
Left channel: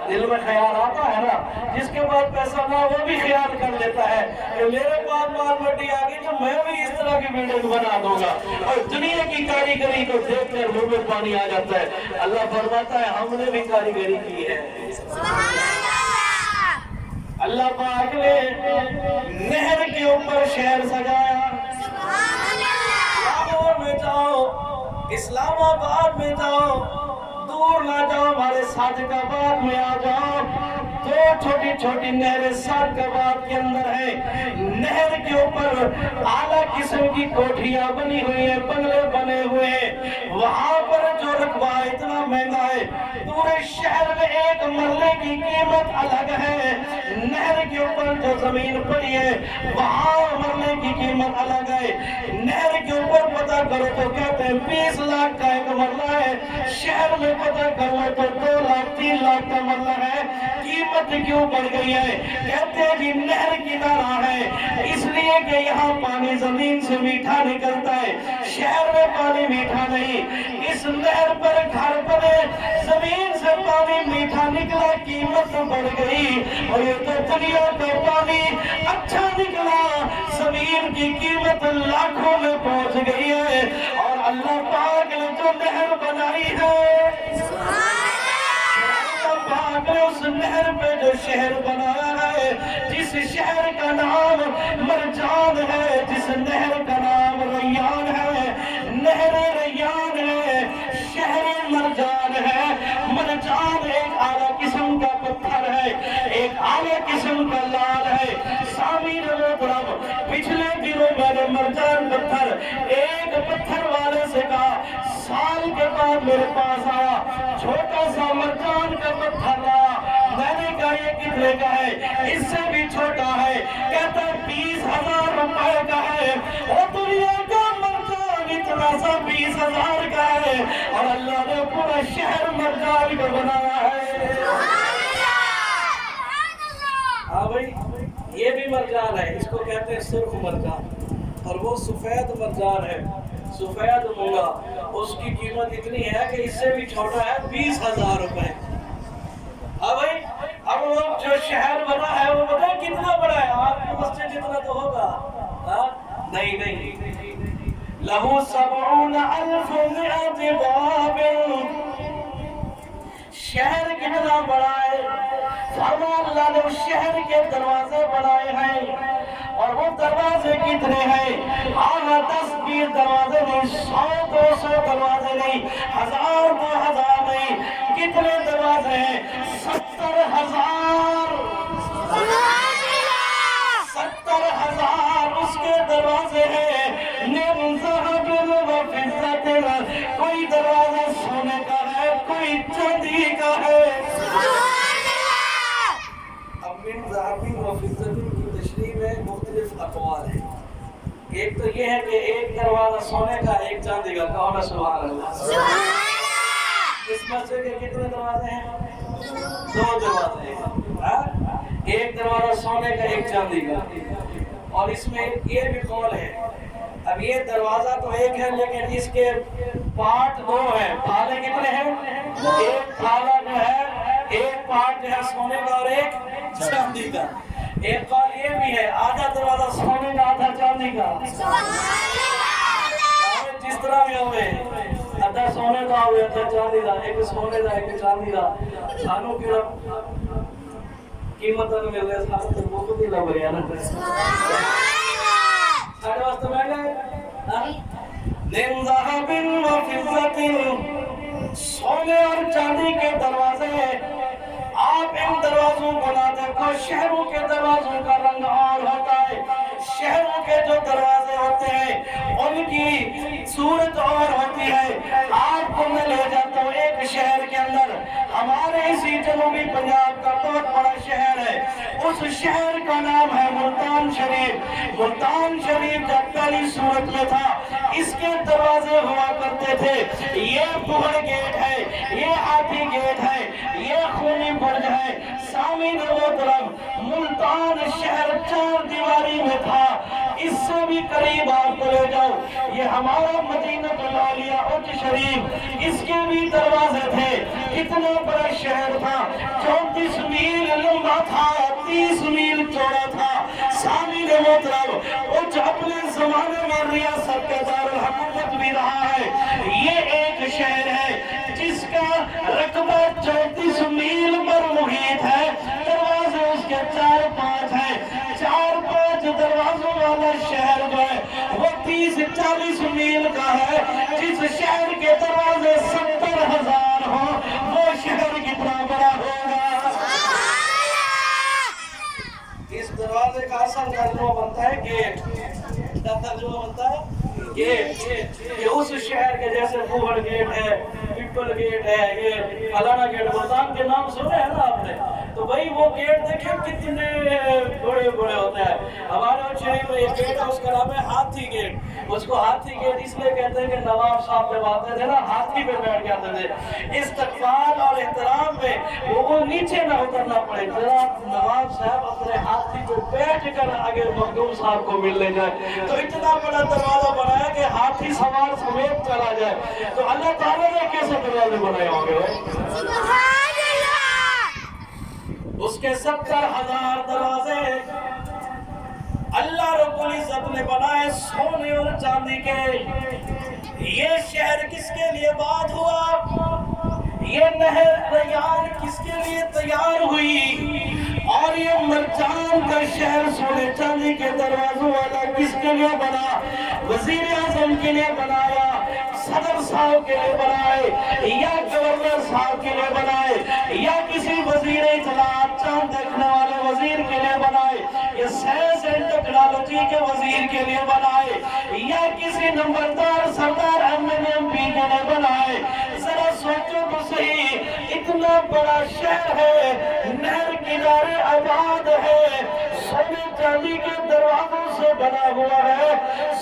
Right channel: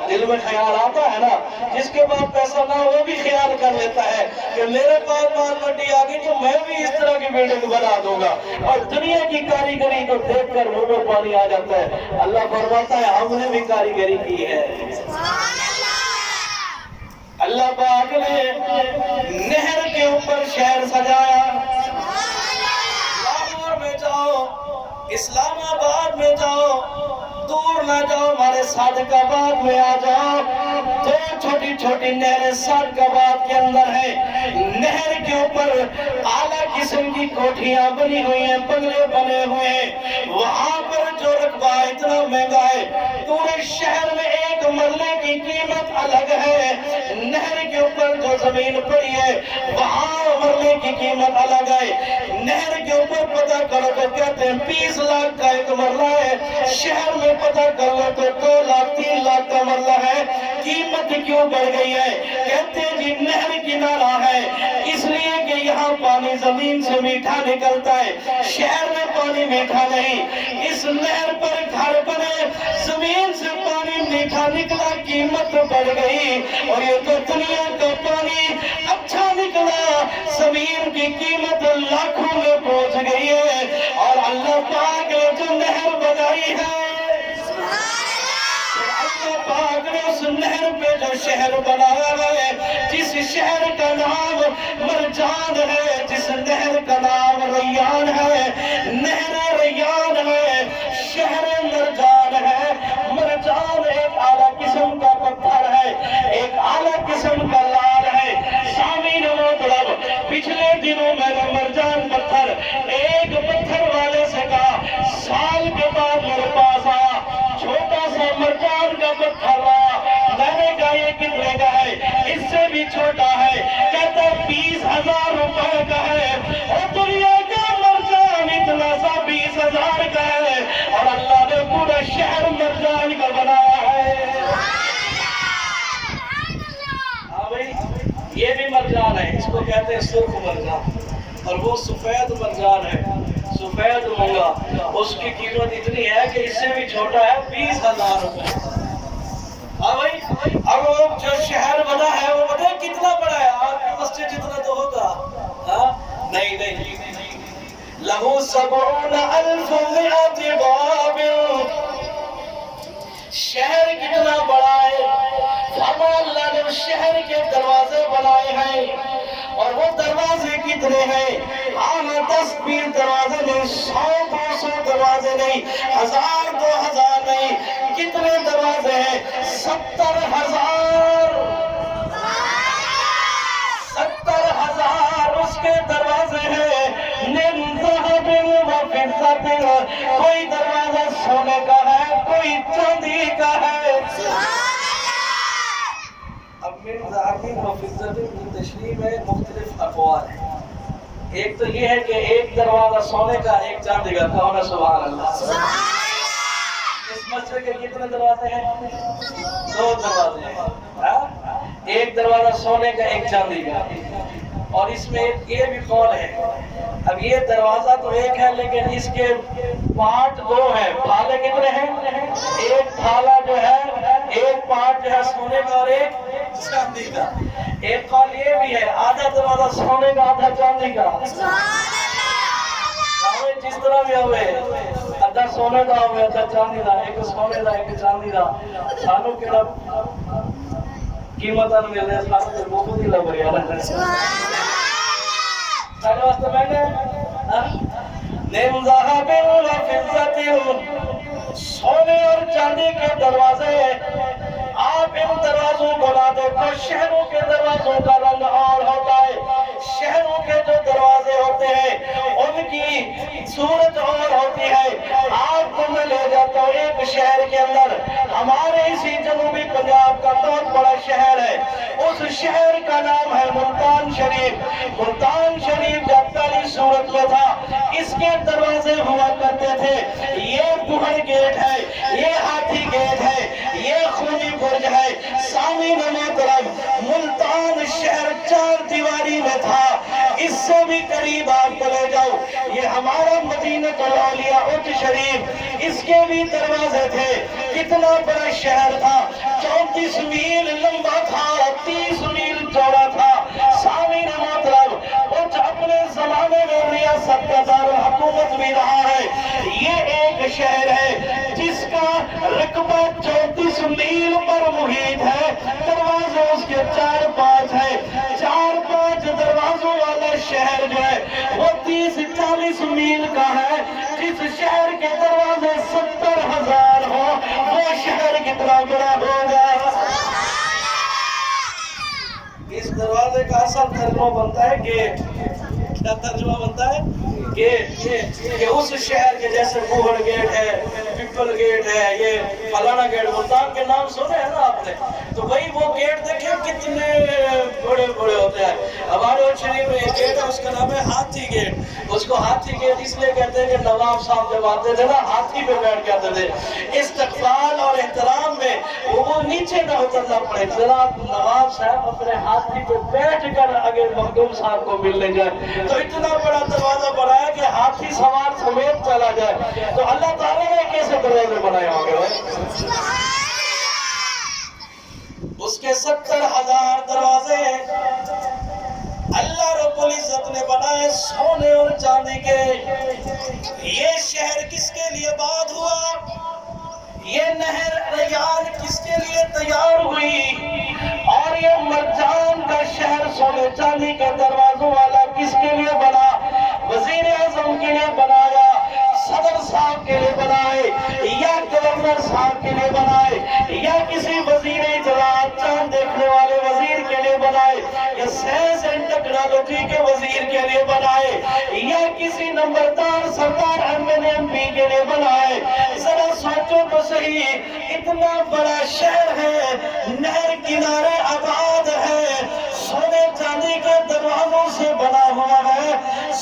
دل میں خیال آتا ہے نا۔ جس کے پاس پیسہ نہ وہ بھی خیال کر لیتا ہے کہ میرے پاس مال بٹی آ گئی تو میں بھی اس طرح کی بلڈنگ بنا دوں گا، اور دنیا کی کاریگری کو دیکھ کر منہ میں پانی آ جاتا ہے۔ اللہ فرماتا ہے ہم نے بھی کاریگری کی ہے۔ اللہ پاک نے نہر کے اوپر شہر سجایا۔ لاہور میں جاؤ، اسلام آباد میں جاؤ، دور نہ جاؤ، ہمارے صادق آباد میں آ جاؤ، دو چھوٹی چھوٹی نہریں صادق آباد کے اندر ہیں۔ نہر کے اوپر اعلیٰ قسم کی کوٹھیاں بنی ہوئی ہیں، بنگلے بنے ہوئے ہیں۔ وہاں پر جو رقبہ اتنا مہنگا ہے، پورے شہر میں ایک مرلے کی قیمت الگ ہے۔ نہر کے اوپر جو زمین پڑی ہے وہاں مرلے کی قیمت الگ ہے۔ نہر کے اوپر پتہ کرو تو کہتے ہیں 20 لاکھ کا ایک مرلہ ہے، شہر میں پتہ کر لو تو 2 لاکھ 3 لاکھ کا مرلہ ہے۔ قیمت کیوں بڑھ گئی ہے؟ کہتے ہیں جی نہر کنارہ ہے، اس لیے کہ یہاں پانی زمین سے میٹھا نکلتا ہے، شہر میں پانی میٹھا نہیں۔ اس نہر پر گھر بنے، زمین سے پانی میٹھا نکلا، قیمت بڑھ گئی، اور یہ تو دنیا کا پانی اچھا نکلا، زمین کی قیمت لاکھوں میں پہنچ گئی ہے۔ اور اللہ پاک نے جو نہر بنائی ہے، اللہ پاک نے اس نہر پہ جو شہر بنایا ہے، جس شہر کا نام مرجان ہے، جس نہر کا نام ریان ہے، نہر ریان ہے، شہر مرجان ہے۔ مرجان ایک اعلیٰ قسم کا پتھر ہے، ایک اعلیٰ قسم کا لال ہے۔ سامعین محترم، پچھلے دنوں میں نے مرجان پتھر ایک پتھر والے سے کہا، سال کے بعد میرے پاس آیا، چھوٹا سا مرجان کا پتھر لایا، میں نے کہا یہ کتنے کا ہے؟ اس سے بھی چھوٹا ہے، کہتا ہے 20,000 روپے کا ہے۔ اور دنیا کا مرجان اتنا سا 20,000 کا ہے، اور اللہ نے پورا شہر مرجان کا بنایا ہے۔ ہاں بھائی، یہ بھی مرجان ہے، اس کو کہتے ہیں سرخ مرجان، اور وہ سفید مرجان ہے، سفید مونگا، اس کی قیمت اتنی ہے کہ اس سے بھی چھوٹا ہے، 20,000 روپے۔ ہاں بھائی، اب وہ جو شہر بنا ہے وہ پتہ ہے کتنا بڑا ہے؟ آپ کی مسجد جتنا تو ہوگا؟ ہاں نہیں نہیں، لہو 70,000 باب، شہر کتنا بڑا ہے؟ فرمایا اللہ نے اس شہر کے دروازے بنائے ہیں، اور وہ دروازے کتنے ہیں؟ 10-20 دروازے نہیں، 100-200 دروازے نہیں، 1000-2000 نہیں، کتنے دروازے ہیں؟ 70,000 اس کے دروازے ہیں۔ من ذهب وفضة، کوئی دروازہ سونے کا ہے، کوئی چاندی کا ہے۔ اب من ذهب وفضة کی تشریح میں مختلف اقوال ہیں۔ ایک تو یہ ہے کہ ایک دروازہ سونے کا، ایک چاندی کا، کہو نا سبحان اللہ۔ اس مسجد کے کتنے دروازے ہیں؟ 2 دروازے ہیں۔ ایک دروازہ سونے کا ایک چاندی کا، اور اس میں یہ بھی قول ہے، اب یہ دروازہ تو ایک ہے لیکن اس کے پارٹ دو ہیں، پھالے کتنے ہیں؟ ایک پھالا جو ہے، ایک پارٹ جو ہے سونے کا اور ایک چاندی کا۔ ایک قول یہ بھی ہے آدھا دروازہ سونے کا آدھا چاندی کا، جس طرح بھی ہوئے آدھا سونے کا ہوئے آدھا چاندی کا، ایک سونے کا ایک چاندی کا، سانو کیڑا قیمت مل رہے سانو تے بہت ہی لگ رہا ہے سارے واسطے میں نے ذهب وفضة، سونے اور چاندی کے دروازے، آپ ان دروازوں کو نہ دیکھو، شہروں کے دروازوں کا رنگ اور ہوتا ہے، شہروں کے جو دروازے ہوتے ہیں ان کی صورت اور ہوتی ہے۔ آپ کو میں لے جاتا ہوں ایک شہر کے اندر، ہمارے اسی جنوبی پنجاب کا بہت بڑا شہر ہے، اس شہر کا نام ہے ملتان شریف۔ ملتان شریف جب پہلی صورت میں تھا، اس کے دروازے ہوا کرتے تھے، یہ بہڑ گیٹ ہے، یہ ہاتھی گیٹ ہے، یہ خونی برج ہے۔ سامعین محترم، ملتان شہر چار دیواری میں تھا، اس سے بھی قریب آپ کو لے جاؤ، یہ ہمارا مدینہ الاولیاء اچ شریف، اس کے بھی دروازے تھے۔ کتنا بڑا شہر تھا، 34 میل لمبا تھا، 30 میل چوڑا تھا۔ سامعین محترم، اچ اپنے زمانے میں ریاست کا دارالحکومت بھی رہا ہے۔ یہ ایک شہر ہے جس کا رقبہ 34 میل پر محیط ہے، دروازے اس کے 4-5 ہیں، 4-5 دروازوں والا شہر جو ہے وہ 30-40 میل کا ہے۔ جس شہر کے دروازے 70,000 ہوں، وہ شہر کتنا بڑا ہوگا۔ اس دروازے کا اصل ترجمہ بنتا ہے گیٹ۔ کیا ترجمہ بنتا ہے؟ گیٹ۔ کہ اس شہر کے جیسے بوہڑ گیٹ ہے، پیپل گیٹ ہے، یہ فلانا گیٹ، ملتان کے نام سنے ہیں نا آپ نے، تو وہی وہ گیٹ دیکھیں کتنے بڑے بڑے ہوتے ہیں۔ ہمارے شریف میں ایک گیٹ ہے، اس کا نام ہے ہاتھی گیٹ۔ اس کو ہاتھی گیٹ اس لیے کہتے ہیں کہ نواب صاحب جب آتے تھے نا، ہاتھی پہ بیٹھ کے آتے تھے، استقبال اور احترام میں وہ نیچے نہ اترنا پڑے، جناب نواب صاحب اپنے ہاتھی پہ بیٹھ کر اگر مخدوم صاحب کو ملنے جائے تو اتنا بڑا دروازہ بنایا کہ ہاتھی سوار سمیت چلا جائے۔ تو اللہ تعالیٰ نے کیسے دروازے بنائے ہوں گے؟ اس کے 70,000 دروازے اللہ رب العزت نے بنائے سونے اور چاندی کے۔ یہ شہر کس کے لیے باد ہوا؟ یہ نہر ریان کس کے لیے تیار ہوئی؟ اور یہ مرجان کا شہر سونے چاندی کے دروازوں والا کس کے لیے بنا؟ وزیر اعظم کے لیے بنایا، صدر صاحب کے لیے بنائے، یا گورنر صاحب کے لیے بنائے، یا کسی وزیر اطلاعات چاند دیکھنے والے وزیر کے لیے بنائے، یا سائنس اینڈ ٹیکنالوجی کے وزیر کے لیے بنائے، یا کسی نمبردار سردار MP کے لیے بنائے؟ ذرا سوچو تو صحیح، اتنا بڑا شہر ہے، نہر کنارے آباد ہے، سونے چاندی کے دروازوں سے بنا ہوا ہے،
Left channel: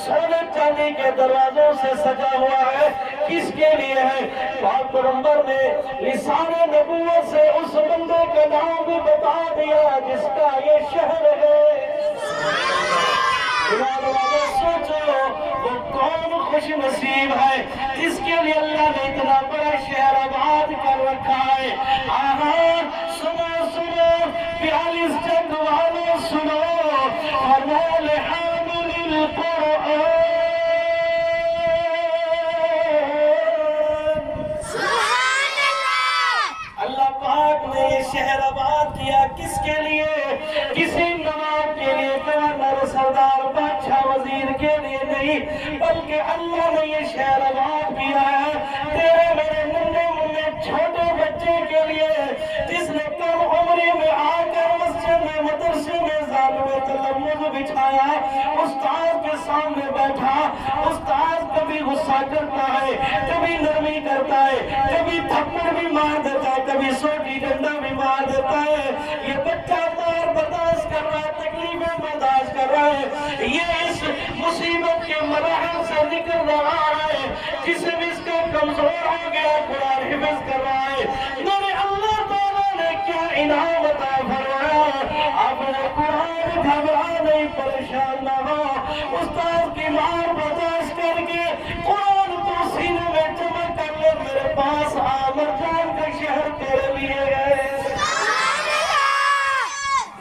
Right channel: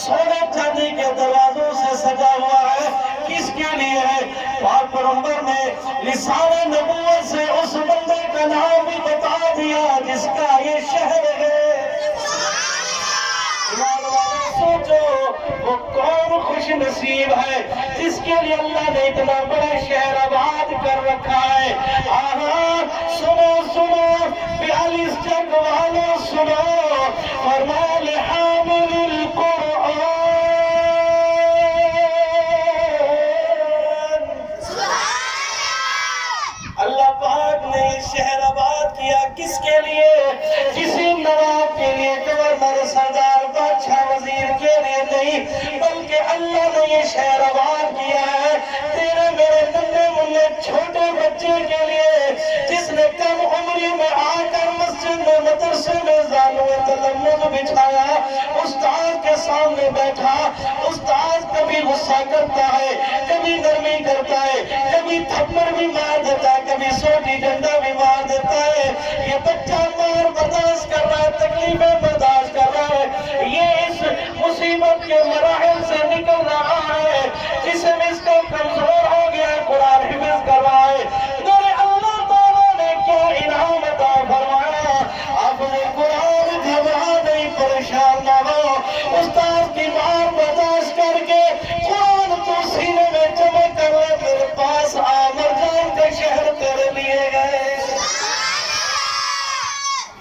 سونے چاندی کے دروازوں سے سجا ہوا ہے، کس کے لیے ہے؟ پاک پیغمبر نے لسان نبوت سے اس بندے کا نام بھی بتا دیا جس کا یہ شہر ہے۔ سوچو وہ کون خوش نصیب ہے جس کے لیے اللہ نے اتنا بڑا شہر آباد کر رکھا ہے۔ آہاں سنو سنو 42 جنگ والوں سنو، فرمایا لحامل القرآن، اللہ پاک نے یہ شہر آباد کیا کس کے لیے؟ کسی نواب کے لیے، گورنر، سردار، بادشاہ، وزیر کے لیے نہیں، بلکہ اللہ نے یہ شہر آباد کیا ہے تیرے میرے ننھے منھے چھوٹے بچے کے لیے، جس نے کم عمری میں آ کر مسجد میں مدرسے میں زانوئے تلمذ بچھایا، استاد کے سامنے بیٹھا، استاد کبھی غصہ کرتا ہے، کبھی نرمی کرتا ہے، کبھی تھپڑ بھی مار دیتا ہے، کبھی سوٹی ڈنڈا بھی مار دیتا ہے، یہ بچہ مار برداشت کر رہا ہے، تکلیفیں برداشت کر رہا ہے، یہ اس مصیبت کے مراحل سے نکل رہا ہے، جسم اس کا کمزور ہو گیا ہے، قرآن حفظ کر رہا ہے۔ میرے اللہ تعالیٰ نے کیا انعام عطا فرمایا؟ استاد کی مار برداشت کر کے قرآن تو سینے میں جمع کر لے، میرے پاس آ، مرجان کے شہر تیرے لیے گئے،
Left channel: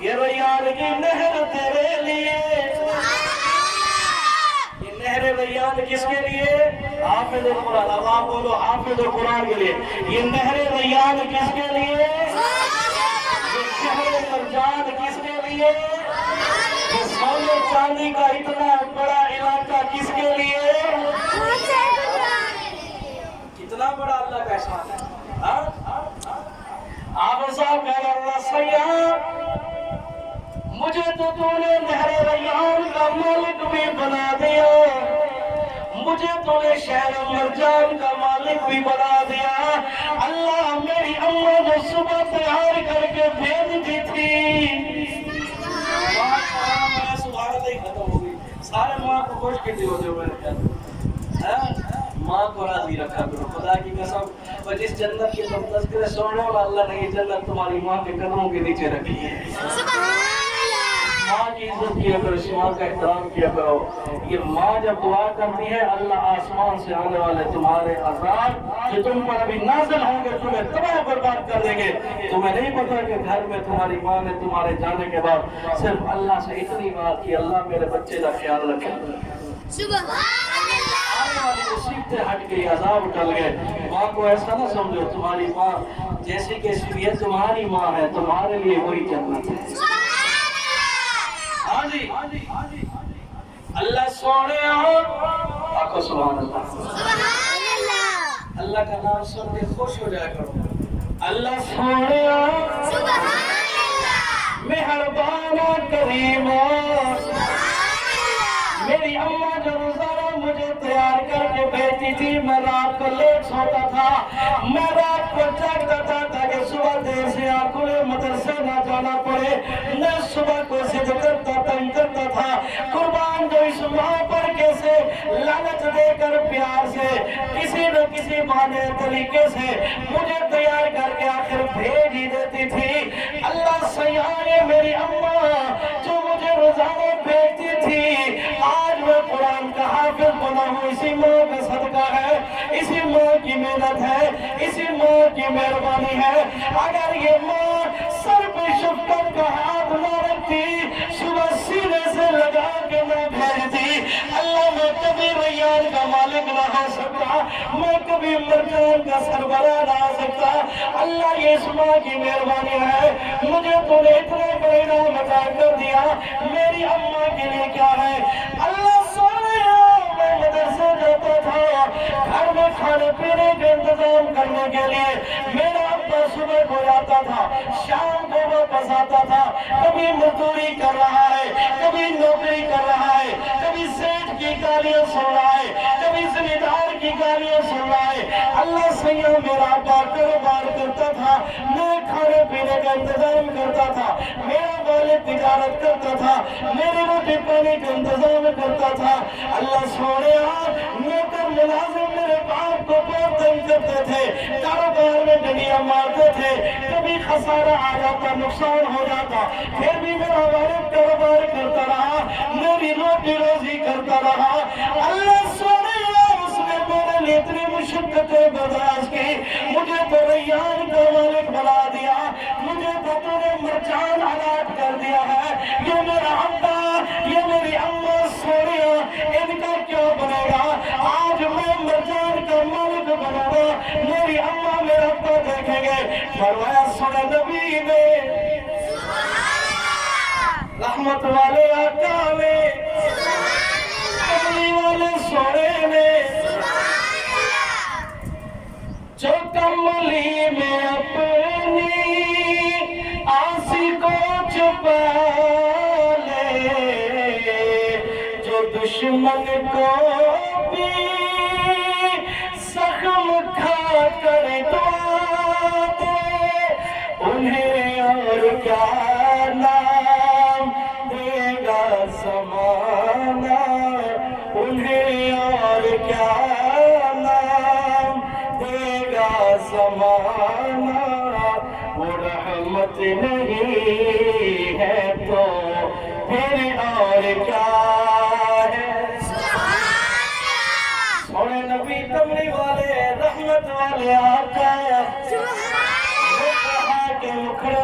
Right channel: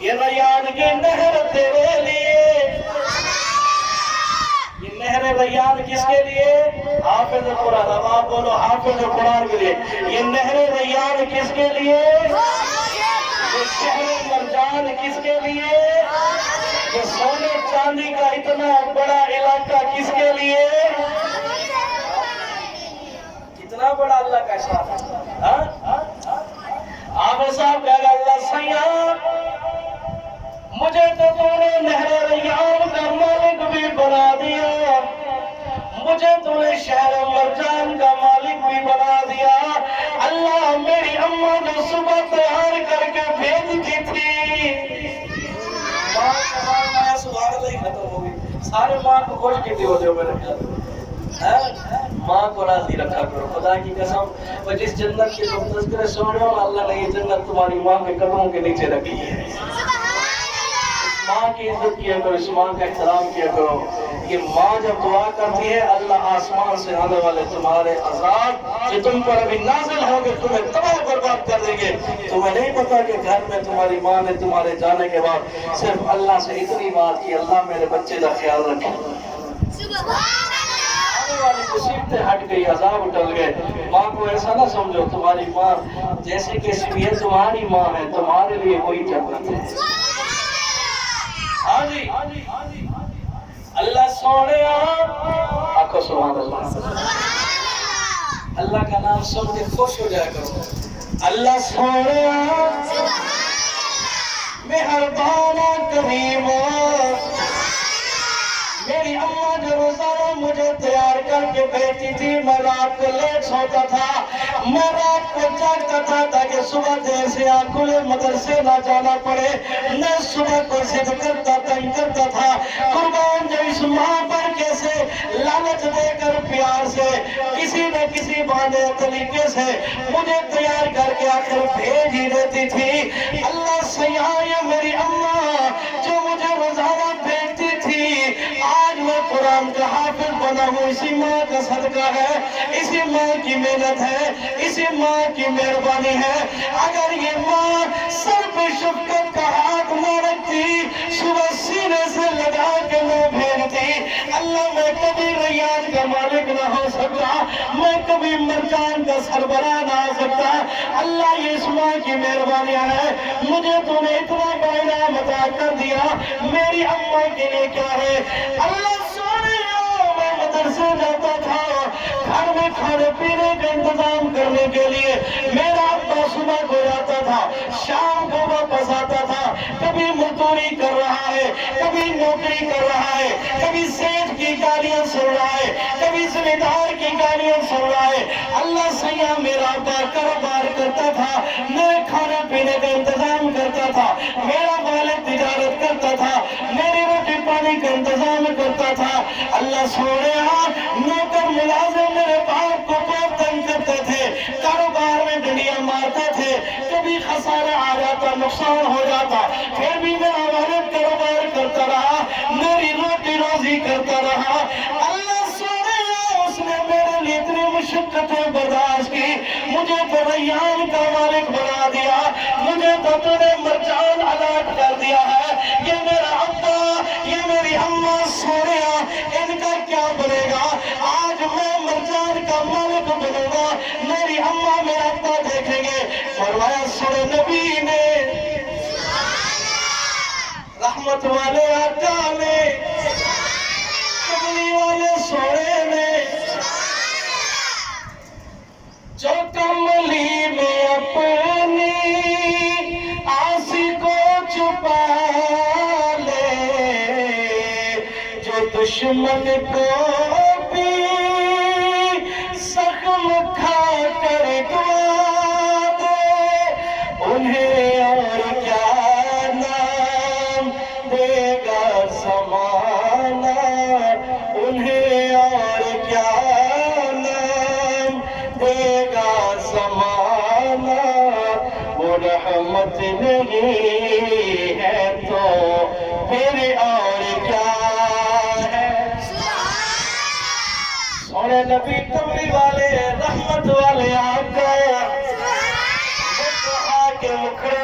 یہ ریان کی نہر تیرے لیے۔ یہ نہر ریان کس کے لیے؟ حافظ قرآن، اب آپ بولو حافظ قرآن کے لیے۔ یہ نہر ریان کس کے لیے؟ یہ شہر مرجان کس کے لیے؟ یہ سونے چاندی کا اتنا بڑا علاقہ کس کے لیے؟ کتنا بڑا اللہ کا احسان ہے۔ آپ صاحب کہہ گا اللہ سیاح، مجھے تو تو نے نہر ریان کا مالک بھی بنا دیا، مجھے تو نے شہر مرجان کا مالک بھی بنا دیا۔ اللہ میری اماں نے صبح تیار کر کے بھیج دی تھی، ماں کا نام آیا سبحان اللہ ہی ختم ہو گئی۔ سارے ماں کو خوش کیتی ہو جو میرے خیال، ماں کو راضی رکھا کرو خدا کی قسم۔ اور جس جنت کے تم تذکرے سن رہے ہو، اللہ نے یہ جنت تمہاری ماں کے قدموں کے نیچے رکھی ہے۔ ماں کی عزت کیا کرو، اس ماں کا احترام کیا کرو۔ یہ ماں جب دعا کرتی ہے، اللہ آسمان سے آنے والے تمہارے عذاب جو تم پر ابھی نازل ہوں گے تمہیں تباہ برباد کر دیں گے۔ تمہیں نہیں پتا کہ گھر میں تمہاری ماں نے تمہارے جانے کے بعد صرف اللہ سے اتنی بات کی، اللہ میرے بچے کا خیال رکھے، آنے والی مصیبتیں ہٹ گئی، عذاب ٹل گئے۔ ماں کو ایسا نہ سمجھو، تمہاری ماں جیسے کیسی بھی ہے تمہاری ماں ہے، تمہارے لیے وہی جنت ہے۔ ہاں جی، اللہ سونے آقا سبحان اللہ، اللہ کا نام سن کے خوش ہو جایا کرو۔ اللہ سونے مہربان کریم، میری اماں جو روزانہ مجھے تیار کر کے بیٹھی تھی، میں رات کو لیٹ سوتا تھا، میں رات کو جاگتا تھا تاکہ صبح دیر سے آنکھیں مدرسے نہ جانا پڑے، میں صبح کو ضد کرتا تنگ کرتا تھا۔ قربان جو اس ماں پر کیسے لالچ دے کر پیار سے کسی نہ کسی بہانے طریقے سے مجھے تیار کر کے آخر بھیج ہی دیتی تھی۔ اللہ سیاح، یہ میری اماں جو مجھے روزانہ بھیجتی تھی، آج میں قرآن کا حافظ بنا ہوں، اسی ماں کا صدقہ ہے، اسی ماں کی محنت ہے، اسی ماں کی مہربانی ہے۔ اگر یہ ماں سر پہ شفقت کا ہاتھ نہ رکھتی، صبح سینے سے لگا کے نہ بھیجتی، اللہ میں کبھی ریان کا مالک نہ ہو سکتا، میں کبھی مرجان کا سربراہ نہ ہو سکتا۔ اللہ یہ اس ماں کی مہربانی ہے، مجھے تو نے اتنا بڑا انعام عطا کر دیا، میری اماں کے لیے کیا ہے؟ اللہ سونے میں مدرسے جاتا تھا، گھر میں کھانے پینے کا انتظام کرنے کے لیے میرا ابا صبح کو جاتا تھا، شام کو واپس آتا تھا، کبھی مزدوری کر رہا ہے، کبھی نوکری کر رہا ہے، کبھی سیٹ کی گالیاں سن رہا ہے، کبھی زمیندار کی گالیاں سن رہا ہے۔ اللہ سیاح میرا ابا کاروبار کرتا تھا، میں کھانے پینے کا انتظام کرتا تھا، میرا والد تجارت کرتا تھا، میری روٹی پانی کا انتظام کرتا تھا۔ اللہ سونے نوکر ملازم میرے باپ کو بہت تنگ کرتے تھے، کاروبار میں ڈنڈیاں مارتے تھے، کبھی خسارہ آ جاتا، نقصان ہو جاتا، پھر بھی میرا والد کاروبار کرتا رہا، میری روٹی روزی کرتا رہا۔ اللہ سونے اس نے میرے لیے اتنی مشقتیں برداشت کی، مجھے تو ریان کا مالک بنا دیا، مجھے تو تو نے مرجان عطا کر دیا ہے۔ یہ میرا ابا، یہ میری اماں سونیا، ان کا کیا بنے گا؟ آج میں مرجان کا مالک بنوں گا، میری اماں میرا ابا دیکھیں گے۔ فرمایا سن نبی نے، رحمت والے آقا نے، کملی والے سونے نے، جو کملی میں اپنی آسی کو چھپا لے، جو دشمن کو بھی زخم کھا کر دعا دے، انہیں اور کیا نام دے گا زمانہ، انہیں اور کیا نام دے گا زمانہ، وہ رحمت نہیں ہے تو پھر اور کیا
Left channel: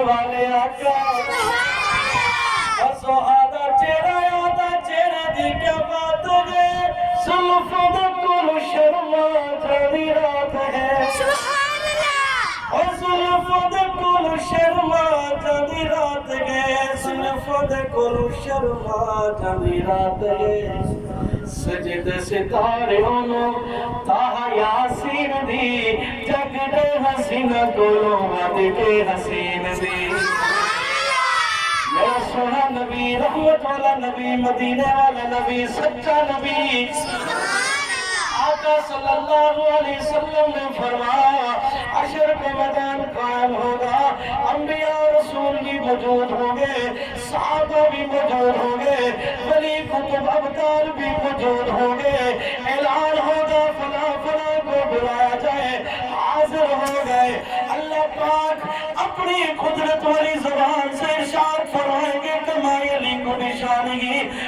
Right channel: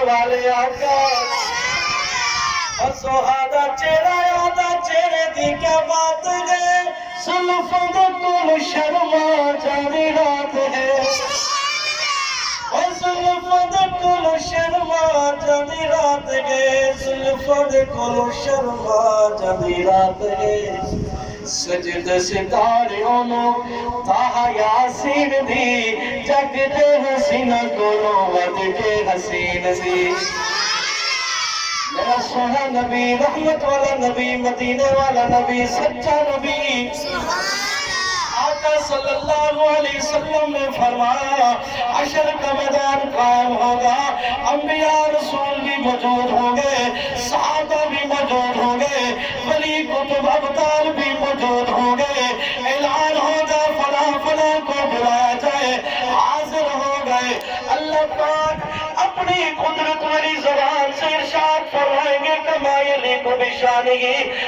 والے آقا سہادا چہرہ یادا چہرے دی کیا بات ہے زلفوں دے کول شرما جانی رات ہے زلفوں دے کول شرما جانی رات ہے زلفوں دے کول شرما جانی رات ہے سجد ستاریوں نو تاہا یاسین دی جگ دے حسینہ کولوں ود کے حسین دی میرا سونا نبی رحمت والا نبی مدینے والا نبی سچا نبی آقا صلی اللہ علیہ وسلم نے فرمایا حشر کا میدان قائم ہوگا انبیاء رسول بھی موجود ہوں گے صحابہ بھی موجود ہوں گے ولی کتب ابطال بھی موجود ہوں گے اعلان ہوگا فلاں فلاں کو بلایا جائے حاضر ہو گئے اللہ پاک اپنی قدرت والی زبان سے ارشاد فرمائیں گے کما یلیق بشانہ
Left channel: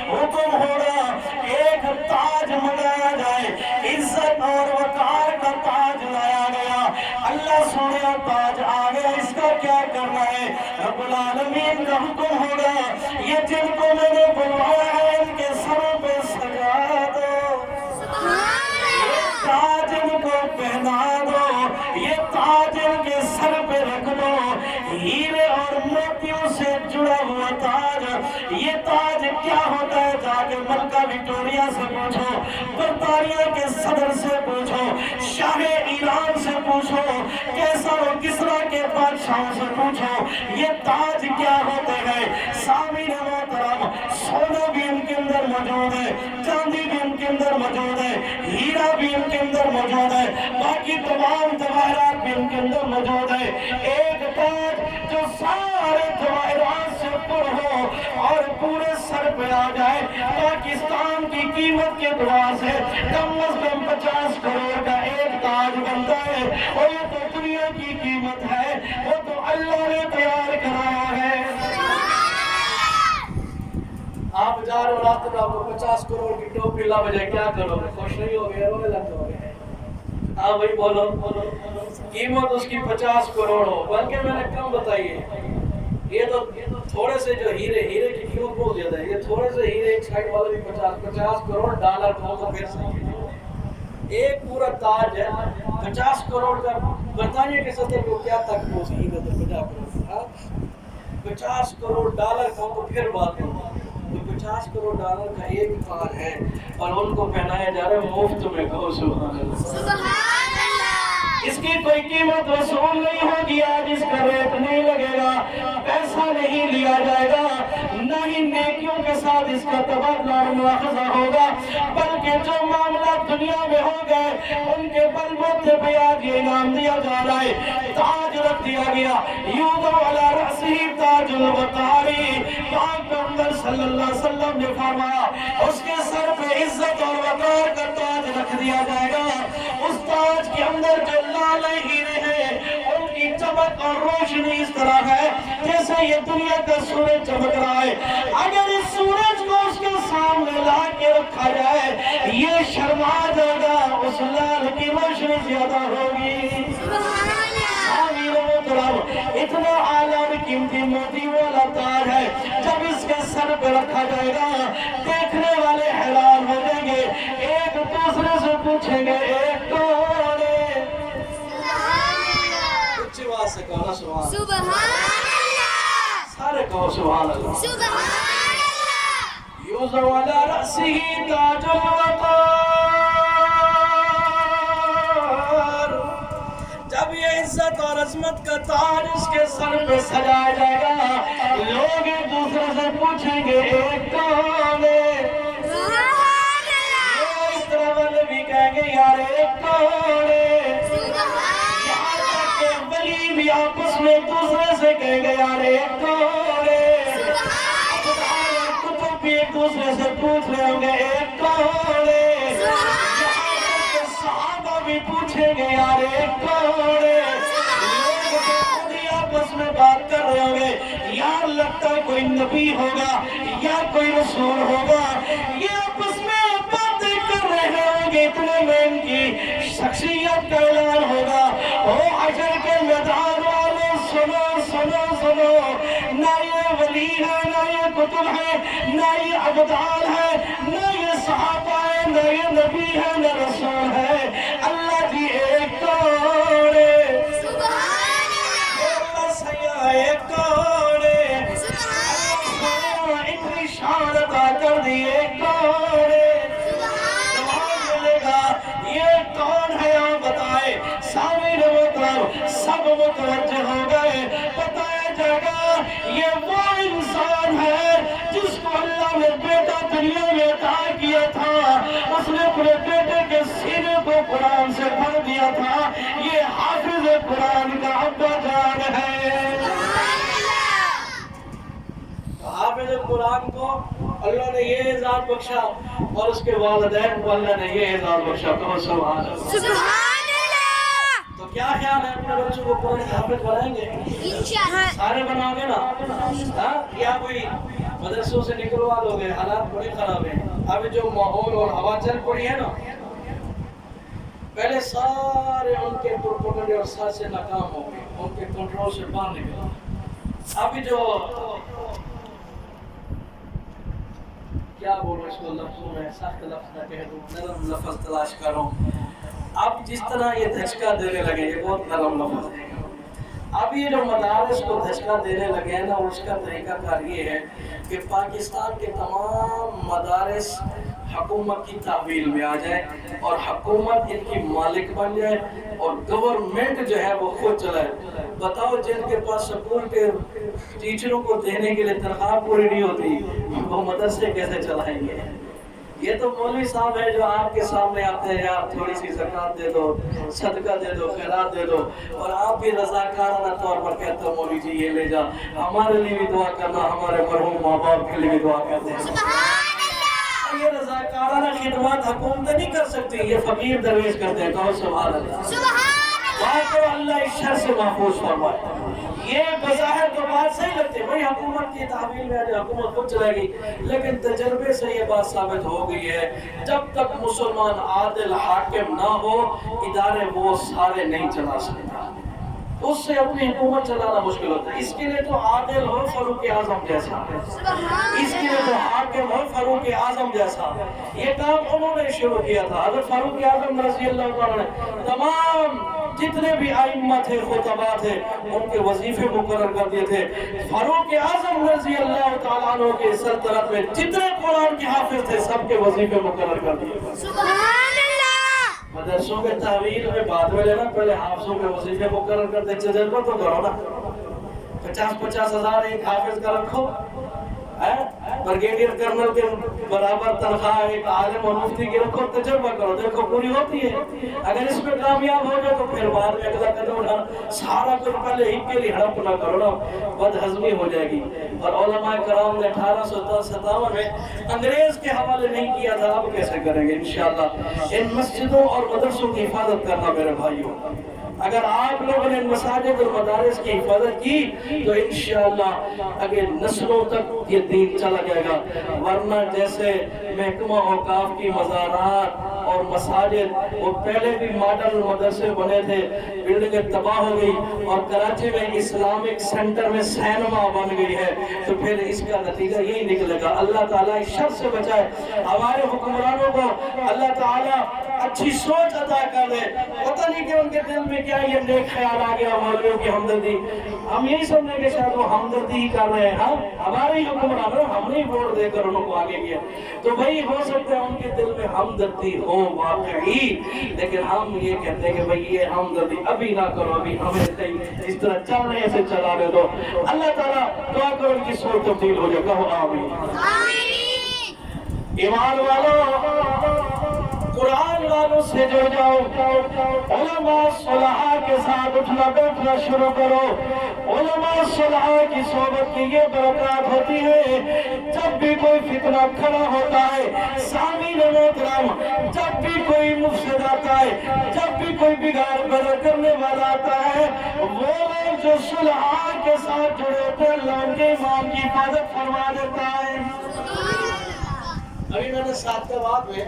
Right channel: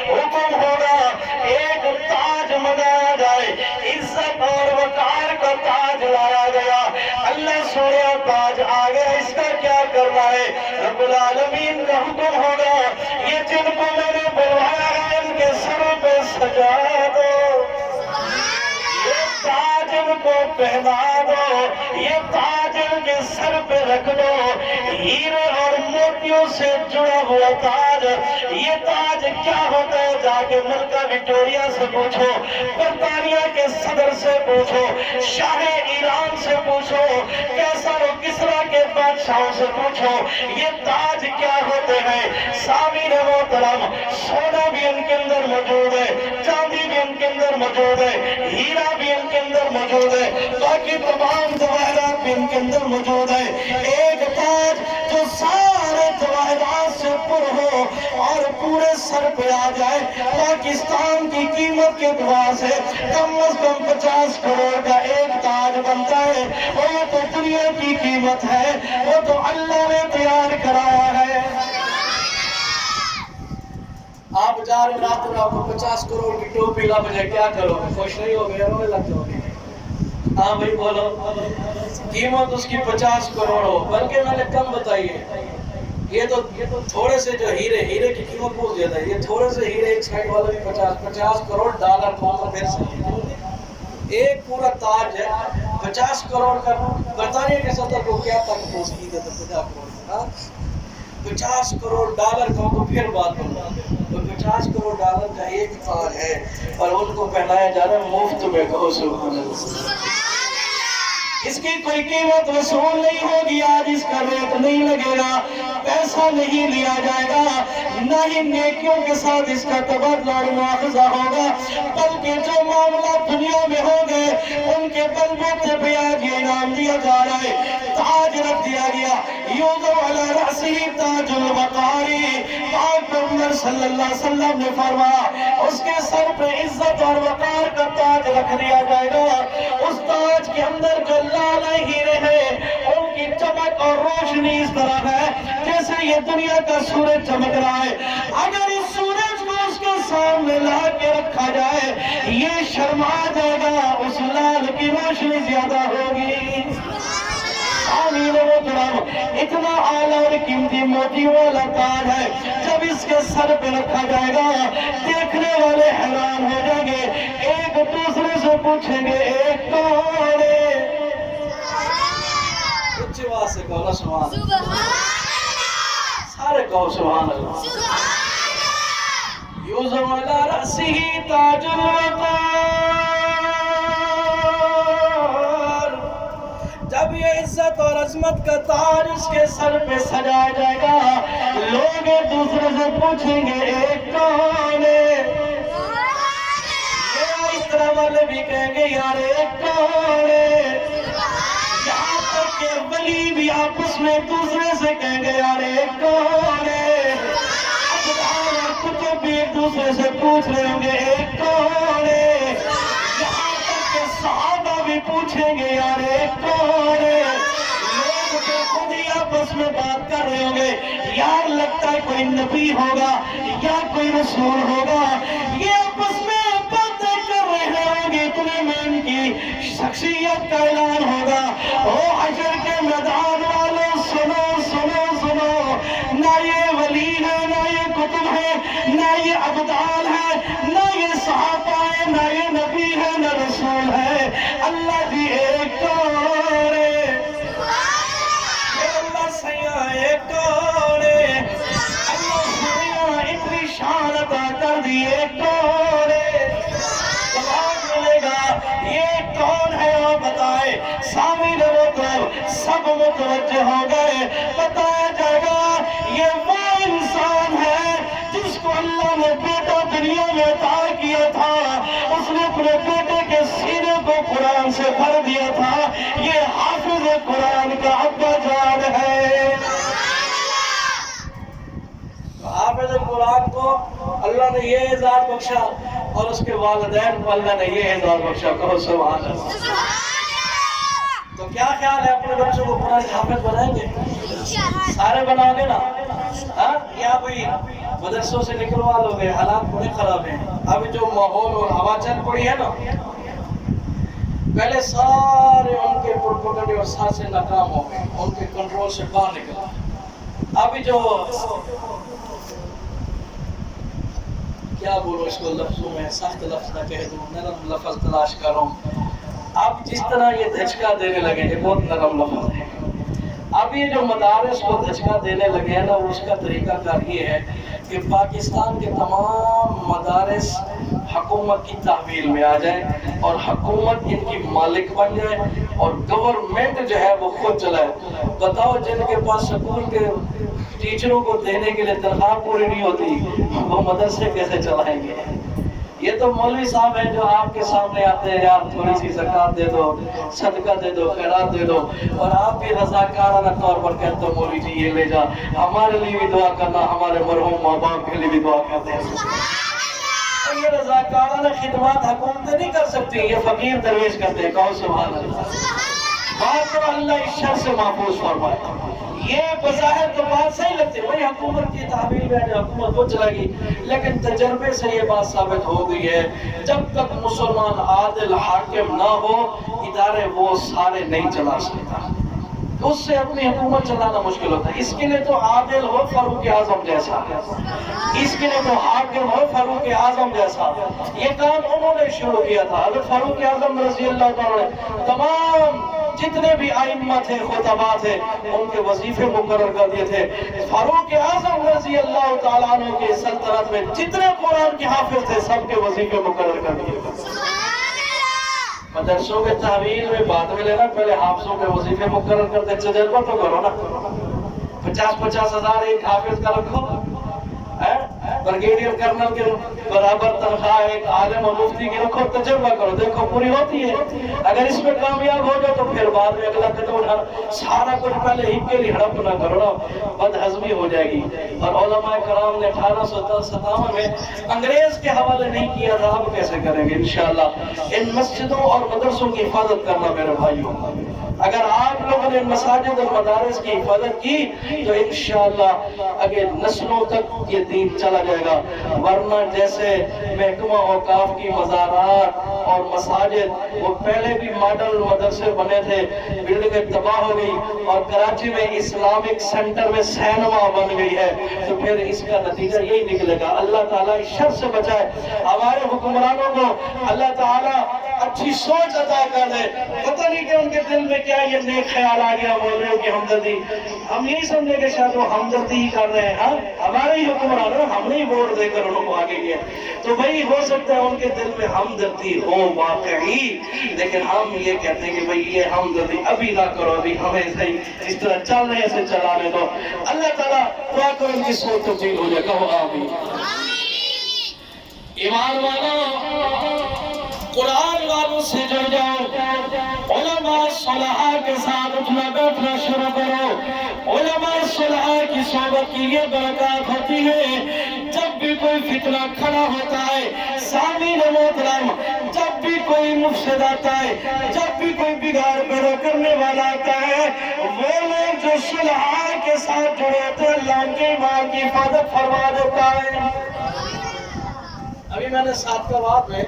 حکم ہوگا ایک تاج منگایا جائے عزت اور وقار کا تاج لایا گیا اللہ سونے تاج آ گیا اس کا کیا کرنا ہے رب العالمین کا حکم ہوگا یہ جن کو میں نے بلوایا ہے ان کے سروں پہ سجا دو یہ تاج ان کو پہنا دو یہ تاج ان کے سر پہ رکھ دو ہیرے اور موتیوں سے جڑا ہوا تاج یہ تاج کیا ہوتا ہے جا کے ملکہ وکٹوریا سے پوچھو برطانیہ کے صدر سے پوچھو شاہ ایران سے پوچھو کیسر و کسرا کے بادشاہوں سے پوچھو یہ تاج کیا ہوتے ہیں سامعین محترم سونا بھی ان کے اندر موجود ہے چاندی بھی ان کے اندر موجود ہے ہیرا بھی ان کے اندر موجود ہے باقی تمام جواہرات بھی ان کے اندر موجود ہے ایک تاج جو سارے جواہرات سے پر ہو اور پورے سر پہ آ جائے پاکستان کی قیمت کے دعا سے کم از کم 50 کروڑ کا ایک تاج بنتا ہے اور یہ تو دنیا کی قیمت ہے وہ تو اللہ نے تیار کرایا ہے آپ جا رہے ہو راستے میں آپ کو 50 کروڑ کی ٹوپی لا بجائے کیا کرو گے خوش نہیں ہو گئے رونے لگ جاؤ گے ہاں بھائی بولو قیمت اس کی 50 کروڑ ہو بلکہ میں نے کم بتائی ہے یہ تو تھوڑے سے جو ہیرے کی قیمت بہت زیادہ ہے یہ تھوڑے سے ہیرے ایک سائڈ والا بھی 50 کروڑ ڈالر پھر سے ایک پورا تاج ہے 50 کروڑ کا برطانیہ کے صدر کو کیا تک پہنچ ہے تو 50 کروڑ ڈالر کا تو پھر بات کرنا 50 کروڑ ڈالر کا ایک تاج ہے اور ان کو پہنایا جا رہا ہے مفت میں کہو سبحان اللہ اس کی کوئی قیمت وصول نہیں ہوگی آج اس کا ریٹ نہیں لگے گا پیسہ نہیں لیا جائے گا نہ ہی نیکیوں کے ساتھ اس کا تبادلہ اور مواخذہ ہوگا بلکہ جو معاملات دنیا میں ہو گئے ان کے بلبوتے پہ آج یہ انعام دیا جا رہا ہے تاج رکھ دیا گیا یوضع علی رأسہ تاج الوقاری پاک پیغمبر صلی اللہ علیہ وسلم نے فرمایا اس کے سر پہ عزت اور وقار کا تاج رکھ دیا جائے گا اس تاج کے اندر جو لال ہیرے ہیں ان کی چمک اور روشنی اس طرح ہے جیسے یہ دنیا کا سورج چمک رہا ہے اگر اس سورج کو اس کے سامنے لا کے رکھا جائے یہ شرما جائے گا اس لال کی روشنی زیادہ ہوگی اتنا اعلیٰ اور قیمتی موتی والا تاج ہے جب اس کے سر پہ رکھا جائے گا دیکھنے والے حیران ہو جائیں گے ایک دوسرے سے پوچھیں گے ایک کون ہے اچھی بات سے کہو نا سبحان سارے کہو سبحان اللہ یوضع علی رأسہ تاج الوقار جب یہ عزت اور عظمت کا تاج اس کے سر پہ سجایا جائے گا لوگ ایک دوسرے سے پوچھیں گے ایک کون ہے یہ اس طرح والے بھی کہیں گے یار ایک کون ہے یہاں تک کہ ولی بھی آپس میں ایک دوسرے سے کہیں گے یار ایک کون ہے کتب بھی ایک دوسرے سے پوچھ رہے ہوں گے ایک کون ہے یہاں تک کہ صحابہ بھی پوچھیں گے یار ایک کون ہے لوگ تو خود ہی آپس میں بات کر رہے ہوں گے یار لگتا ہے کوئی نبی ہوگا یا کوئی رسول ہوگا یہ آپس میں باتیں کر رہے ہوں گے اتنے میں ان کی شخصیت کا اعلان ہوگا او حشر کے میدان والوں سنو سنو سنو نہ یہ ابدال ہے، نہ یہ صحابہ ہے، نہ یہ نبی ہے، نہ رسول ہے، اللہ جی ایک کون ہے؟ اللہ سیاں ایک کون ہے؟ اللہ سیاں اتنی شان عطا کر دی ایک کون ہے؟ جواب ملے گا یہ کون ہے آپ بتائیں؟ سامعین محترم سب متوجہ ہو گئے، بتایا جائے گا یہ وہ انسان ہے جس کو اللہ نے بیٹا دنیا میں عطا کیا تھا، اس نے اپنے بیٹے کے سینے کو قرآن سے بھر دیا تھا، یہ حافظ قرآن کا ابا جان ہے۔ حافظ قرآن کو اللہ نے یہ اعزاز بخشا اور اس کے والدین کو اللہ نے یہ اعزاز بخشا، کہو سبحان اللہ۔ تو کیا خیال ہے اپنے بچوں کو قرآن حافظ بنائیں گے؟ سارے بناؤ گے نا؟ یا کوئی مدرسوں سے نکلوا لو گے؟ حالات بڑے خراب ہیں ابھی جو ماحول اور ہوا چل پڑی ہے نا، پہلے سارے ان کے پروپیگنڈے اور سازشیں ناکام ہو گئے، ان کے کنٹرول سے باہر نکلا۔ ابھی جو کیا بولو اس کو لفظوں میں، سخت لفظ نہ کہہ دوں، نرم لفظ تلاش کروں۔ اب جس طرح یہ دھچکا دینے لگے، یہ بہت نرم لفظ ہے، اب یہ جو مدارس کو دھچکا دینے لگے ہیں نا، اس کا طریقہ کار یہ ہے کہ پاکستان کے تمام مدارس حکومت کی تحویل میں آ جائیں اور حکومت ان کی مالک بن جائے اور گورنمنٹ جو ہے وہ خود چلائے۔ بتاؤ جن کے پاس سکول کے ٹیچروں کو دینے کے لیے تنخواہ پوری نہیں ہوتی، وہ مدرسے کیسے چلائیں گے؟ یہ تو مولوی صاحب ہیں جو آپ کے سامنے آتے ہیں، یار تھوڑی سی زکوٰۃ دے دو، صدقہ دے دو، خیرات دے دو، اور آپ بھی رضاکارانہ طور پر کہتے ہو مولوی جی یہ لے جا، ہمارے لیے بھی دعا کرنا، ہمارے مرحوم ماں باپ کے لیے بھی دعا کرتے ہیں۔ یہ رضاکارانہ خدمات حکومتیں نہیں کر سکتی، یہ فقیر درویش کرتے ہیں، کہو سبحان اللہ۔ بات تو اللہ اس شر سے محفوظ فرمائے۔ یہ بظاہر تو بات صحیح لگتی ہے، وہی حکومت کی تحویل میں جو حکومت وہ چلائے گی، لیکن تجربے سے یہ بات ثابت ہو گئی ہے جب تک مسلمان عادل حاکم نہ ہو ادارے وہ سارے نہیں چلا سکتا، اس سے اپنی حکومت چلانا مشکل ہوتا ہے۔ اس کے لیے تو عادل ہو فاروق اعظم جیسا، اس کے لیے تو حاکم ہو فاروق اعظم جیسا۔ یہ کام انہوں نے شروع کیا تھا، حضرت فاروق اعظم رضی اللہ تعالیٰ نے تمام جتنے بھی ائمہ تھے، خطبہ تھے، ان کے وظیفے مقرر کر دیے تھے۔ فاروق اعظم رضی اللہ تعالیٰ عنہ کی سلطنت میں جتنے قرآن کے حافظ تھے سب کے وظیفے مقرر کر دیے۔ مدرسوں کے تحویل میں بعد میں لینا، پہلے حافظوں کے وظیفے مقرر کرتے، تجربہ تو کرو نا۔ 50-50 ہزار ایک حافظ کا رکھو، برگیڈیئر کرنل کے برابر تنخواہ ایک عالم اور مفتی کی رکھو، تجربہ کرو، دیکھو پوری ہوتی ہے۔ اگر اس میں کامیاب ہو جاؤ تو پھر بعد میں اگلا قدم اٹھانا، سارا کچھ پہلے ہی کے لیے ہڑپ نہ کرو نا، بد ہضمی ہو جائے گی۔ اور علماء کرام نے 1857 میں انگریز کے حوالے نہیں کیا تھا، اب کیسے کریں گے؟ انشاءاللہ ان مسجدوں اور مدرسوں کی حفاظت کرنا میرے بھائیوں، اگر آپ لوگوں نے مساجد اور مدارس کی حفاظت کی تو انشاءاللہ اگے نسلوں تک یہ دین چلا جائے گا، ورنہ جیسے محکمہ اوقاف کی مزارات اور مساجد وہ پہلے بھی ماڈل مدرسے بنے تھے، بلڈنگیں تباہ ہو گئی، اور کراچی میں اسلامک سینٹر میں سینما بن گئی ہے، تو پھر اس کا نتیجہ یہی نکلے گا۔ اللہ تعالیٰ اس شر سے بچائے، ہمارے حکمرانوں کو اللہ تعالیٰ اچھی سوچ عطا کر دے، پتہ نہیں کہ ان کے دل میں کیا یہ نیک خیال آ گیا مولویوں کی ہمدردی، ہم یہی سمجھے کہ شاید وہ ہمدردی ہی کر رہے ہیں، ہاں ہمارے ہی حکمرانوں، ہم نے ہی ووٹ دے کر انہوں کو آگے کیا، تو بھئی ہو سکتا ہے ان کے دل میں ہمدردی ہو واقعی، لیکن ہم یہ کہتے ہیں کہ بھئی یہ ہمدردی ابھی نہ کرو، ابھی ہمیں صحیح اس طرح چل رہے ہیں اسے چلانے دو۔ اللہ تعالیٰ دعا کرو ان کی سوچ تبدیل ہو جائے، کہو آمین۔ ایمان والو، قرآن والوں سے جڑ جاؤ، علماء صلحاء کے ساتھ اٹھنا بیٹھنا شروع کرو۔ علماء صلحاء کی صحبت کی یہ برکات ہوتی ہے، جب بھی کوئی فتنہ کھڑا ہوتا ہے، سامعین محترم، جب بھی کوئی مفسد آتا ہے، جب بھی کوئی بگاڑ پیدا کرنے والا آتا ہے، وہ لوگ جو صلحاء کے ساتھ جڑے ہوتے ہیں اللہ ان کے ایمان کی حفاظت فرما دیتا ہے۔ ابھی میں نے سعادتآباد میں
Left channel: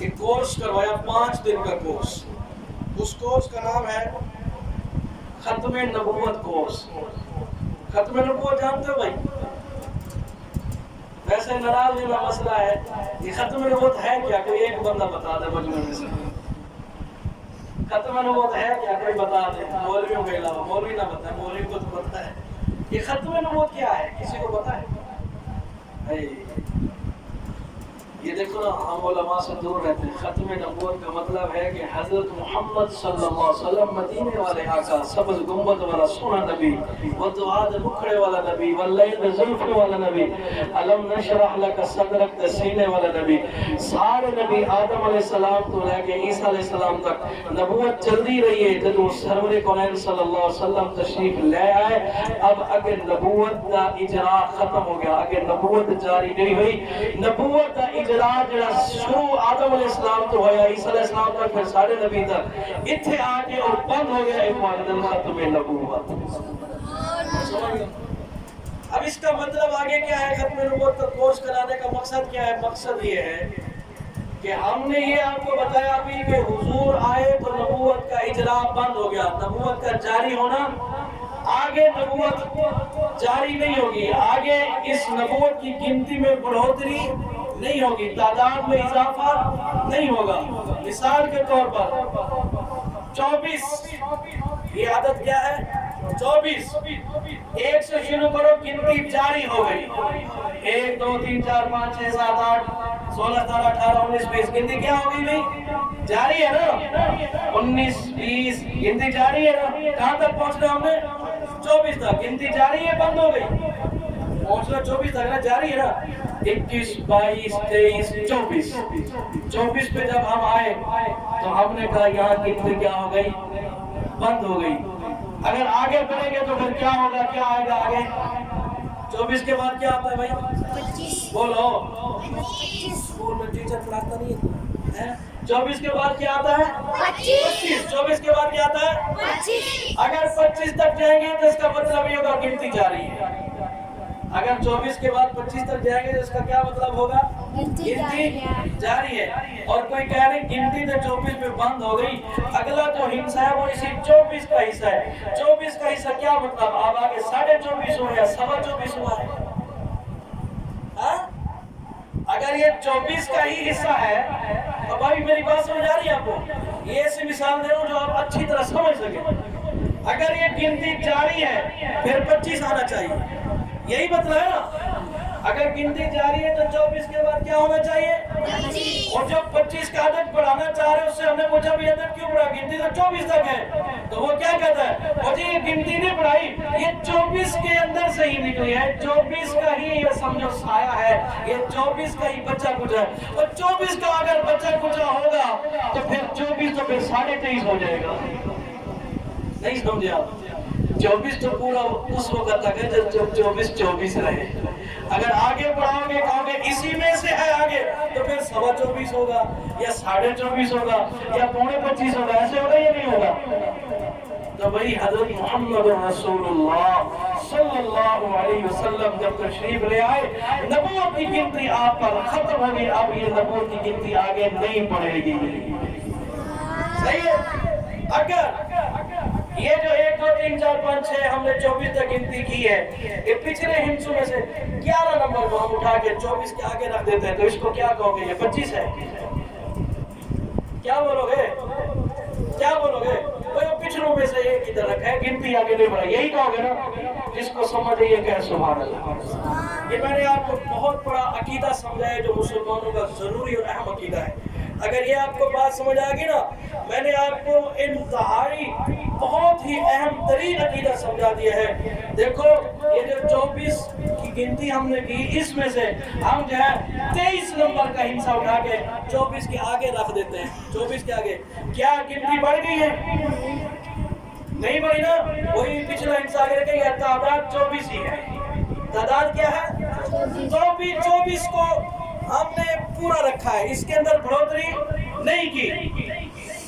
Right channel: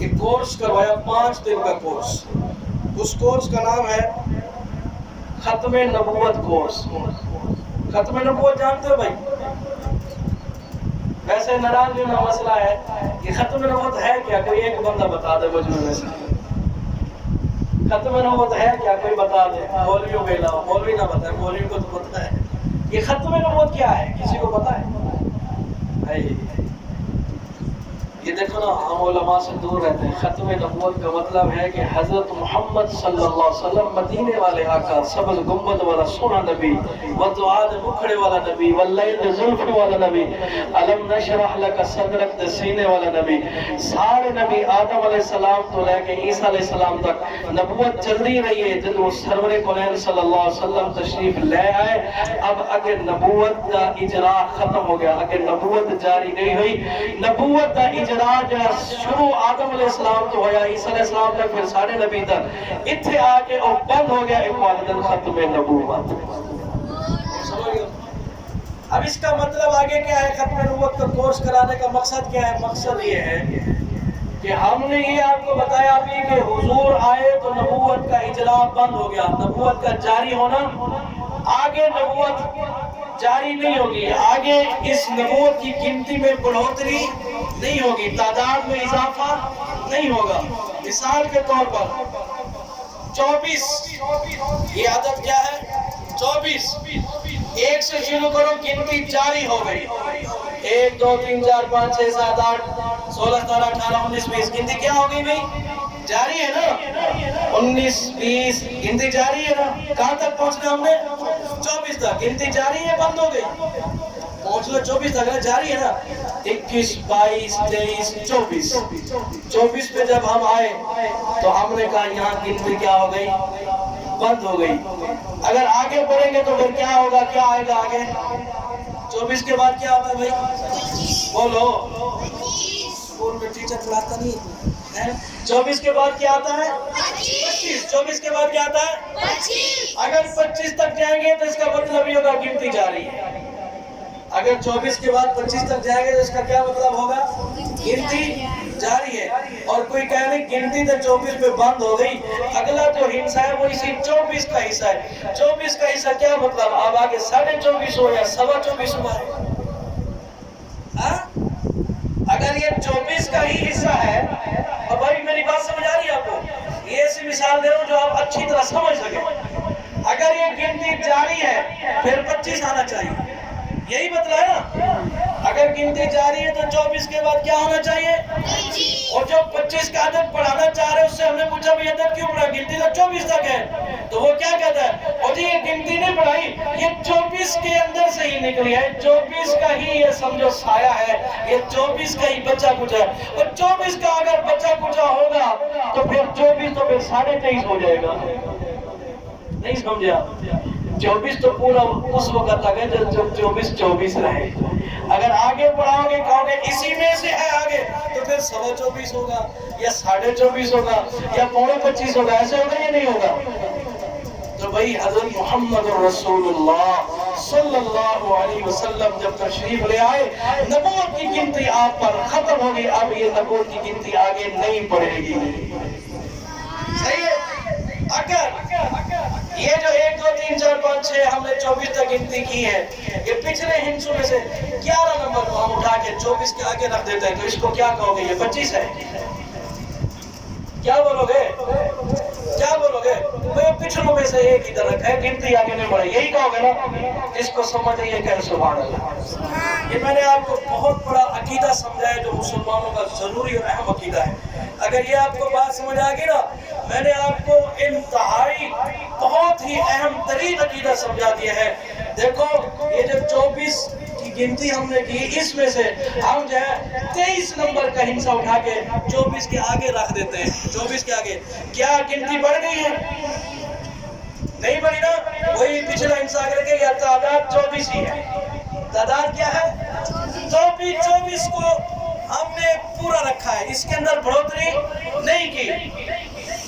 ایک کورس کروایا، 5 دن کا کورس، اس کورس کا نام ہے ختم نبوت کورس۔ ختم نبوت جانتے ہو بھائی؟ ویسے ناراض ہونا مسئلہ ہے. یہ ختم نبوت ہے کیا؟ کوئی ایک بندہ بتا دے مجھ میں سے. ختم نبوت ہے کیا؟ کوئی بتا دے. مولویوں کے علاوہ مولوی نہ بتائے، مولوی کو تو پتہ ہے. یہ ختم نبوت کیا ہے؟ کسی کو پتہ ہے؟ یہ دیکھو نا، ہم علماء سے دور رہتے ہیں. ختم نبوت کا مطلب ہے کہ حضرت محمد صلی اللہ علیہ وسلم مدینے والے آقا، سبز گنبد والا سونا نبی، ودعاد مکھڑے والا نبی، واللیل زلفی والا نبی، علم نشرح لک صدرک سینے والا نبی. سارے نبی آدم علیہ السلام تو لے کے عیسیٰ علیہ السلام تک نبوت چلتی رہی ہے. جدو سرور کونین صلی اللہ علیہ وسلم تشریف لے آئے، اب اگر نبوت کا اجرا ختم ہو گیا، اگر نبوت جاری نہیں ہوئی. نبوت کا اجرا جو شروع آدم علیہ السلام تو ہوا، عیسیٰ علیہ السلام تک، پھر سارے نبی تک، اتھے آ کے اور بند ہو گیا عبادت ختم نبوت. اب اس کا مطلب آگے کیا ہے؟ ختم نبوت کا کورس کرانے کا مقصد کیا ہے؟ مقصد یہ ہے کہ ہم نے یہ آپ کو بتایا ابھی کہ حضور آئے تو نبوت کا اجرا بند ہو گیا، نبوت کا جاری ہونا. آگے نبوت جاری نہیں ہوگی، آگے اس نبوت کی گنتی میں بڑھوتری نہیں ہوگی، تعداد میں اضافہ نہیں ہوگا. مثال کے طور پر 24، یہ عدد کیا ہے؟ 24. ایک سے شروع کرو، گنتی جاری ہو گئی. 1 2 3 4 5 6 7 8 16 17 18 19 20. گنتی کیا ہو گئی بھائی؟ جاری ہے نا. 19 20 گنتی جاری ہے نا. کہاں تک پہنچنا ہم نے؟ 24 تک. گنتی جاری ہے، بند ہو گئی. پہنچنا 24 تک نا، جاری ہے نا. 21 22 23 24. 24 پہ جب ہم آئے تو ہم نے کہا یہاں گنتی کیا ہو گئی؟ بند ہو گئی. اگر آگے بڑھیں گے تو پھر کیا ہوگا؟ کیا آئے گا آگے؟ 24 کے بعد کیا آتا ہے بھائی؟ بولو. اسکول میں ٹیچر پڑھاتا نہیں ہے. 24 کے بعد کیا آتا ہے؟ 25. 24 کے بعد کیا آتا ہے؟ 25. اگر 25 تک جائیں گے تو اس کا مطلب یہ ہوگا گنتی جاری ہے. اگر 24 کے بعد 25 تک جائیں گے تو اس کا کیا مطلب ہوگا؟ گنتی جاری ہے. اور کوئی کہہ رہے گنتی تو 24 پہ بند ہو گئی، اگلا جو حصہ ہے وہ اسی 24 کا حصہ ہے. 24 کا حصہ کیا مطلب؟ اب آگے 24.5 ہو یا 24.25 ہوا ہے. ہاں، اگر یہ 24 کا ہی حصہ ہے، اب بھائی میری بات سمجھ آ رہی ہے آپ کو؟ یہ ایسی مثال دے رہا ہوں جو آپ اچھی طرح سمجھ سکیں. اگر یہ گنتی جاری ہے پھر 25 آنا چاہیے، یہی مطلب ہے نا. اگر گنتی جاری ہے تو 24 کے بعد کیا ہونا چاہیے؟ 25. اور جو 25 کا عدد پڑھانا چاہ رہے اس سے ہم نے پوچھا بھی عدد کیوں پڑھا؟ گنتی تو 24 تک ہے. تو وہ کیا کہتا ہے؟ اور جی یہ گنتی نہیں پڑھائی، یہ 24 کے اندر سے ہی نکلی ہے. 24 کا ہی یہ سمجھو سایہ ہے، یہ 24 کا ہی بچہ کچھ ہے. اور 24 کا اگر بچہ کچھ ہوگا تو پھر 24 تو پھر 23.5 ہو جائے گا. نہیں سمجھے آپ؟ 24 تو پورا اس وقت تک ہے جب 24 رہے. اگر آگے بڑھاؤ گے کہو گے اسی میں سے ہے آگے، تو پھر 24.25 ہوگا یا 24.5 ہوگا یا 25 ہوگا. ایسے ہوگا یا نہیں ہوگا؟ تو بھائی حضرت محمد رسول اللہ صلی اللہ علیہ وسلم جب تشریف لے آئے، نبوت کی گنتی آپ پر ختم ہوگی. اب یہ نبوت کی گنتی آگے نہیں بڑھے گی. صحیح ہے؟ اگر یہ جو 1 2 3 4 5 6 ہم نے 24 تک گنتی کی ہے، یہ پچھلے ہندسوں میں سے 11 نمبر کو ہم اٹھا کے 24 کے آگے رکھ دیتے ہیں، تو اس کو کیا کہو گے؟ یہ 25 ہے. کیا بولو گے؟ کیا بولو گے؟ وہ پچھلوں میں سے ایک ادھر رکھا ہے، گنتی آگے نہیں بڑھائی، یہی کہو گے نا؟ جس کو سمجھے یہ کہے سبحان اللہ. یہ میں نے آپ کو بہت بڑا عقیدہ سمجھایا جو مسلمانوں کا ضروری اور اہم عقیدہ ہے. اگر یہ آپ کو بات سمجھ آ گئی نا، میں نے آپ کو انتہائی بہت ہی اہم ترین عقیدہ سمجھا دیا ہے. دیکھو یہ جو 24 کی گنتی ہم نے کی، اس میں سے ہم جو ہے 23 نمبر کا ہندسہ اٹھا کے 24 کے آگے رکھ دیتے ہیں. 24 کے آگے کیا گنتی بڑھ گئی ہے؟ نہیں بڑھی نا. وہی پچھلا ہندسہ آگے رکھے، یا تعداد 24 ہی ہے. تعداد کیا ہے؟ 24 کو ہم نے پورا رکھا ہے، اس کے اندر بڑھوتری نہیں کی.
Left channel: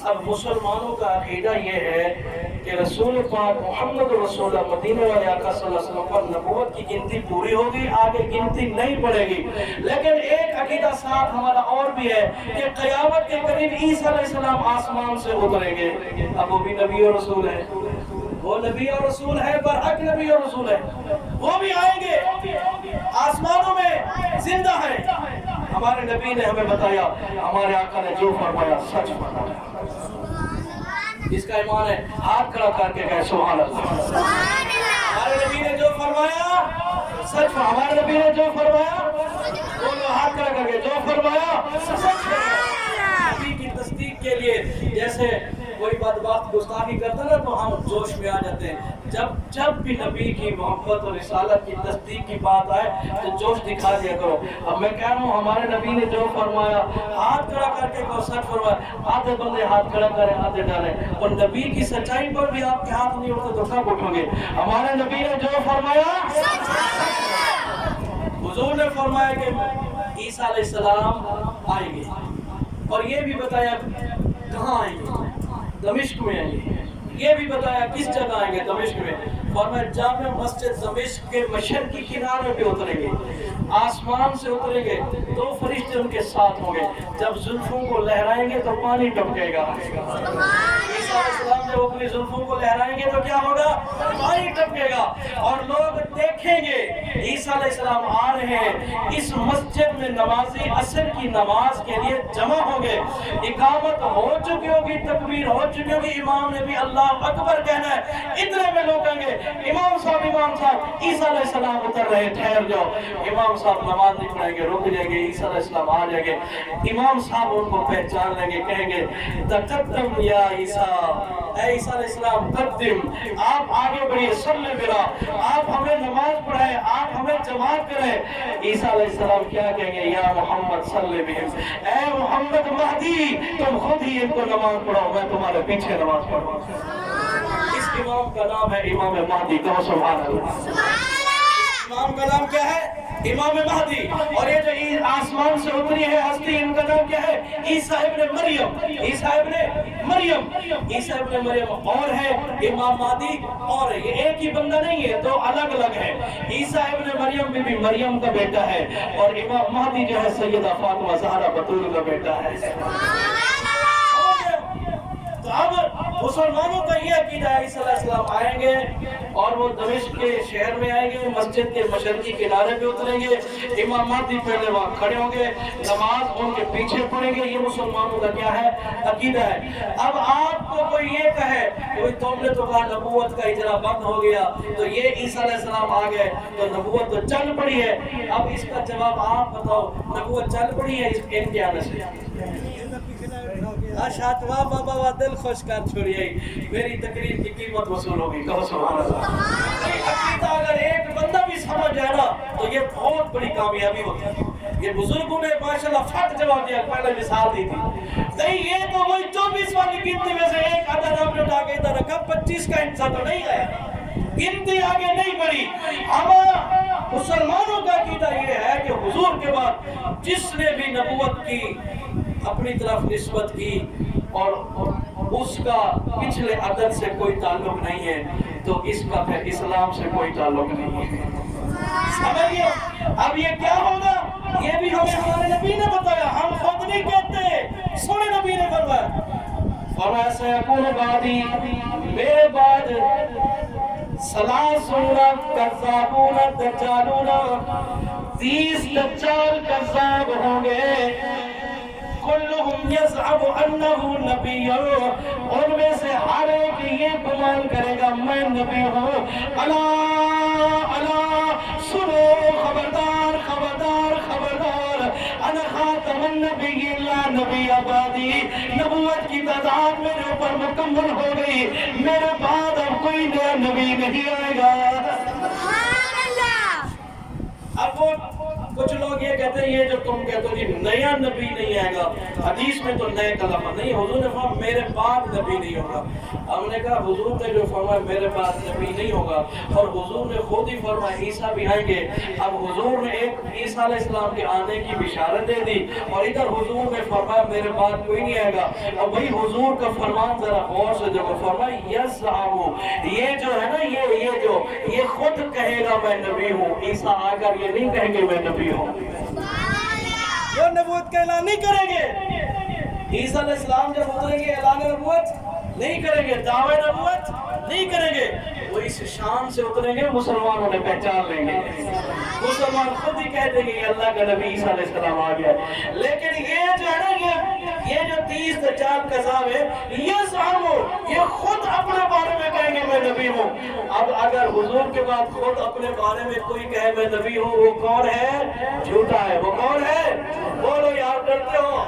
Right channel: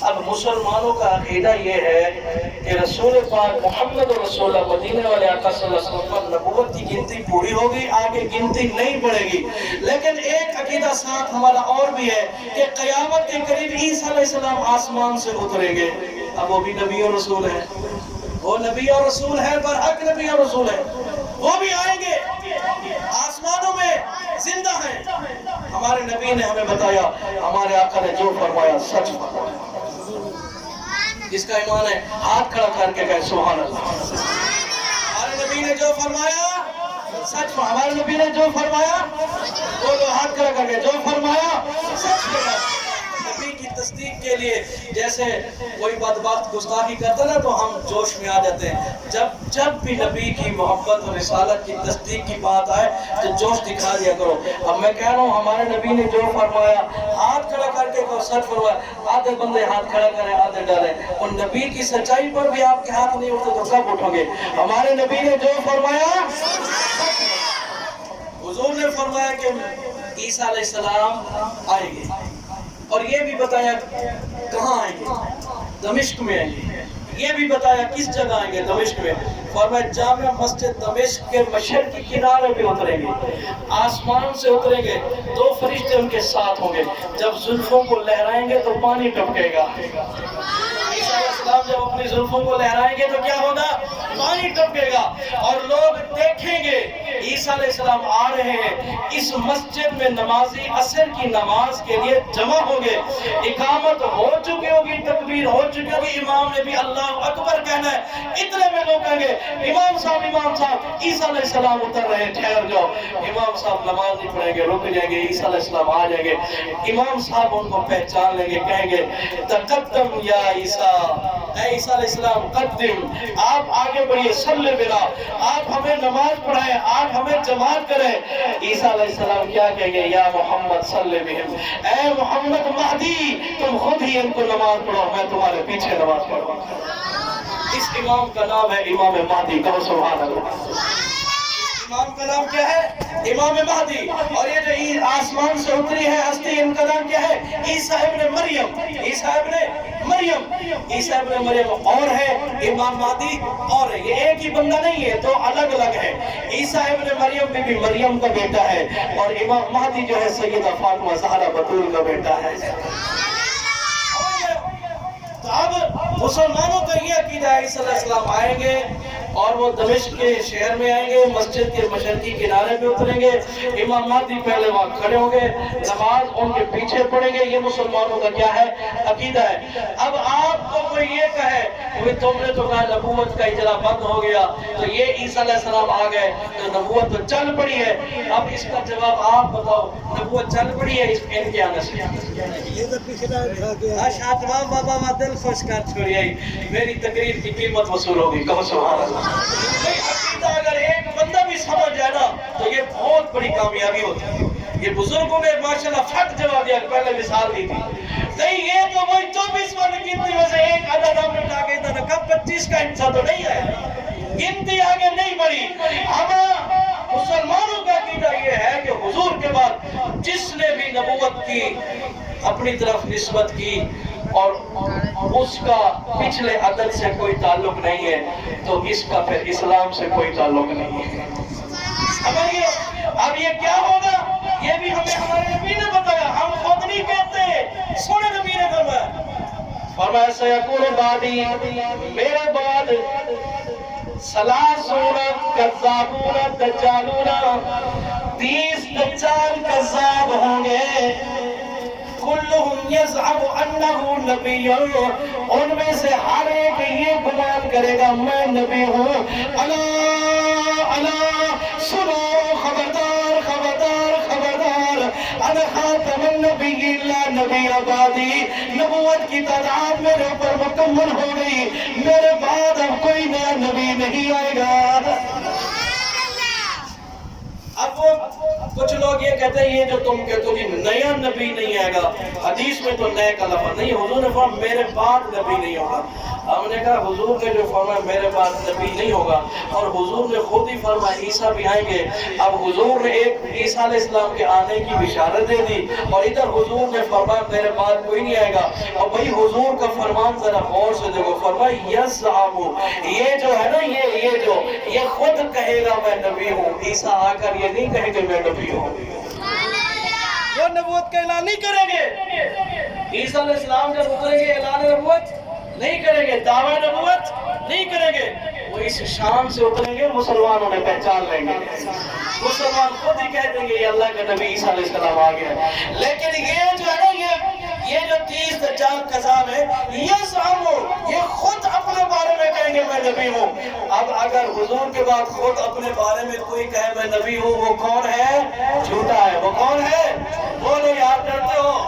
اب مسلمانوں کا عقیدہ یہ ہے کہ رسول پاک محمد رسول اللہ مدینے والے آقا صلی اللہ علیہ وسلم پر نبوت کی گنتی پوری ہوگی، آگے گنتی نہیں بڑھے گی. لیکن ایک عقیدہ ساتھ ہمارا اور بھی ہے کہ قیامت کے قریب عیسیٰ علیہ السلام آسمان سے اتریں گے. اب وہ بھی نبی اور رسول ہیں. وہ نبی اور رسول ہے، برحق نبی اور رسول ہے، وہ بھی آئیں گے، آسمانوں میں زندہ ہیں۔ ہمارے نبی نے ہمیں بتایا، ہمارے آقا نے جو فرمایا سچ فرمایا۔ جس کا ایمان ہے ہاتھ کھڑا کر کے کہے سبحان اللہ۔ ہمارے نبی نے جو فرمایا سچ، ہمارے نبی نے جو فرمایا بولو ہاتھ کھڑا کر کے، جو فرمایا سچ فرمایا۔ نبی کی تصدیق کے لیے جیسے کوئی بدبخت گستاخی کرتا نا تو ہم جوش میں آ جاتے ہیں، جب بھی نبی کی محبت اور رسالت کی تصدیق کی بات آئے تو جوش دکھا دیا کرو۔ اب میں کہہ رہا ہوں ہمارے نبی نے جو فرمایا ہاتھ کھڑا کر کے کہو سچ فرمایا۔ آدھے بندے ہاتھ کھڑا کریں آدھے ڈالیں، اور نبی کی سچائی پر بھی آپ کے ہاتھ نہیں اٹھتے تو کب اٹھو گے؟ ہمارے نبی نے جو فرمایا، حضور نے فرمایا کہ عیسیٰ علیہ السلام آئیں گے، اور یہ بھی بتایا کہاں آئیں گے، دمشق میں آئیں گے، یہ بھی بتایا کس جگہ آئیں گے، دمشق میں۔ فرمایا جامع مسجد دمشق کے مشرقی کنارے پہ اتریں گے، آسمان سے اتریں گے، 2 فرشتے ان کے ساتھ ہوں گے، جب زلفوں کو لہرائیں گے تو پانی ٹپکے گا۔ عیسیٰ علیہ السلام جب اپنی زلفوں کو لہرائیں گے تو کیا ہوگا؟ پانی ٹپکے گا، اور لوگ دیکھیں گے عیسیٰ علیہ السلام آ رہے ہیں۔ اس مسجد میں نمازی عصر کی نماز کے لیے جمع ہوں گے، اقامت ہو چکی ہوگی، تکبیر ہو چکی ہوگی، امام نے بھی اللہ اکبر کہنا ہے، اتنے میں لوگ کہیں گے امام صاحب عیسیٰ علیہ السلام اتر رہے ہیں، ٹھہر جاؤ۔ امام صاحب نماز نہیں پڑھیں گے، رک جائیں گے، عیسیٰ علیہ السلام آ جائیں گے، امام صاحب ان کو پہچان لیں گے، کہیں گے تقدم یا عیسیٰ، اے عیسیٰ علیہ السلام قدم، آپ آگے بڑھئے، صلی برا، آپ ہمیں نماز پڑھائیں، آپ ہمیں جماعت کریں۔ عیسیٰ علیہ السلام کیا کہیں گے؟ یا محمد صلی بہم، اے محمد مہدی تم خود ہی ان کو نماز پڑھاؤ، میں تمہارے پیچھے نماز پڑھاؤں۔ اس امام کا نام ہے امام مہدی، کہو سبحان اللہ۔ امام کا نام کیا ہے؟ امام مہدی۔ اور یہ جو آسمان سے اتری ہے ہستی، ان کا نام کیا ہے؟ عیسیٰ ابن مریم، عیسیٰ ابن مریم، عیسیٰ ابن مریم اور ہے، امام مہدی اور ہے، یہ ایک ہی بندہ نہیں ہے، تو الگ الگ ہے۔ عیسیٰ ابن مریم بھی مریم کا بیٹا ہے، اور امام مہدی جو ہے سیدہ فاطمہ زہرا بطول کا بیٹا ہے۔ تو اب مسلمانوں کا یہ عقیدہ ہے عیسیٰ علیہ السلام آئیں گے، اور وہ دمشق کے شہر میں آئیں گے، مسجد کے مشرقی کنارے پہ اتریں گے، امام مہدی پہلے وہاں کھڑے ہوں گے، نماز ان کے پیچھے پڑھیں گے۔ یہ مسلمانوں کا کیا ہے؟ عقیدہ ہے۔ اب آپ کو کوئی یہ کہے کہ تم نے تو کہا نبوت کا اجرا بند ہو گیا، تو یہ عیسیٰ علیہ السلام آ گئے تو نبوت تو چل پڑی ہے، اب اس کا جواب آپ بتاؤ، نبوت چل پڑی ہے ان کے آنے سے؟ شاطبہ بابا وہ دل خوش کر چھوڑی آئی، میری تقریر کی قیمت وصول ہوگی، کہو سبحان اللہ۔ عقیدہ اگر ایک بندہ بھی سمجھ جائے نا تو یہ بہت بڑی کامیابی ہوتی ہے۔ یہ بزرگوں نے ماشاءاللہ فٹ جواب دیا، پہلے مثال دی تھی، نہیں یہ تو وہی 24 والی گنتی میں سے ایک عدد آپ نے اٹھا کے ادھر رکھا، 25 کا حصہ تو نہیں آیا، گنتی آگے نہیں بڑھی۔ ہمارا مسلمانوں کا عقیدہ یہ ہے کہ حضور کے بعد جس نے بھی نبوت کی اپنی طرف نسبت کی اور اس کا پچھلے عدد سے کوئی تعلق نہیں ہے تو اس کا پھر اسلام سے کوئی تعلق نہیں ہے۔ سمجھئے؟ اب یہ کیا ہوگا؟ یہ بھی ہمیں ہمارے نبی نے بتایا، ہم خود نہیں کہتے، سونے نبی نے فرمایا سیکون بعدی، میرے بعد ثلاثون کذابون دجالون، 30 دجال کذاب ہوں گے، کلہم یزعم انہ نبی، ان میں سے ہر ایک یہ گمان کرے گا میں نبی ہوں۔ الا الا سنو، خبردار خبردار خبردار، انا خاتم النبی لا نبی آبادی، نبوت کی تعداد میرے اوپر مکمل ہو گئی، میرے بعد اب کوئی نیا نبی نہیں آئے گا۔ اب وہ کچھ لوگ یہ کہتے ہیں یہ جو تم کہتے ہو کہ نیا نبی نہیں آئے گا، حدیث میں تو نئے کا لفظ نہیں، حضور نے فرمایا میرے بعد نبی نہیں ہوگا۔ ہم نے کہا حضور نے جو فرمایا میرے بعد نبی نہیں ہوگا، اور حضور نے خود ہی فرمایا عیسیٰ بھی آئیں گے۔ اب حضور نے ایک عیسیٰ علیہ السلام کے آنے کی بشارت دے دی، اور ادھر حضور نے فرمایا میرے بعد کوئی نہیں آئے گا۔ اور بھئی حضور کا فرمان ذرا غور سے دیکھو، فرمایا یزعم، یہ جو ہے نا یہ خود کہے گا میں نبی ہوں، عیسیٰ آ کر یہ نہیں کہیں گے میں نبی ہوں، وہ نبوت کا اعلان نہیں کریں گے۔ عیسیٰ علیہ السلام جب اتریں گے اعلان نبوت نہیں کریں گے، دعوی نبوت نہیں کریں گے وہ اس شام سے اتریں گے، مسلمان انہیں پہچان لیں گے، مسلمان خود ہی کہہ دیں گے یہ اللہ کا نبی عیسیٰ علیہ السلام آ گیا ہے۔ لیکن یہ جو ہے نا یہ جو 30 دجال قذاب ہے، یہ زعمو، یہ خود اپنے بارے میں کہیں گے میں نبی ہوں۔ اب اگر حضور کے بعد خود اپنے بارے میں کوئی کہے میں نبی ہوں، وہ کون ہے؟ جھوٹا ہے۔ وہ کون ہے؟ بولو یار، ڈرتے ہو؟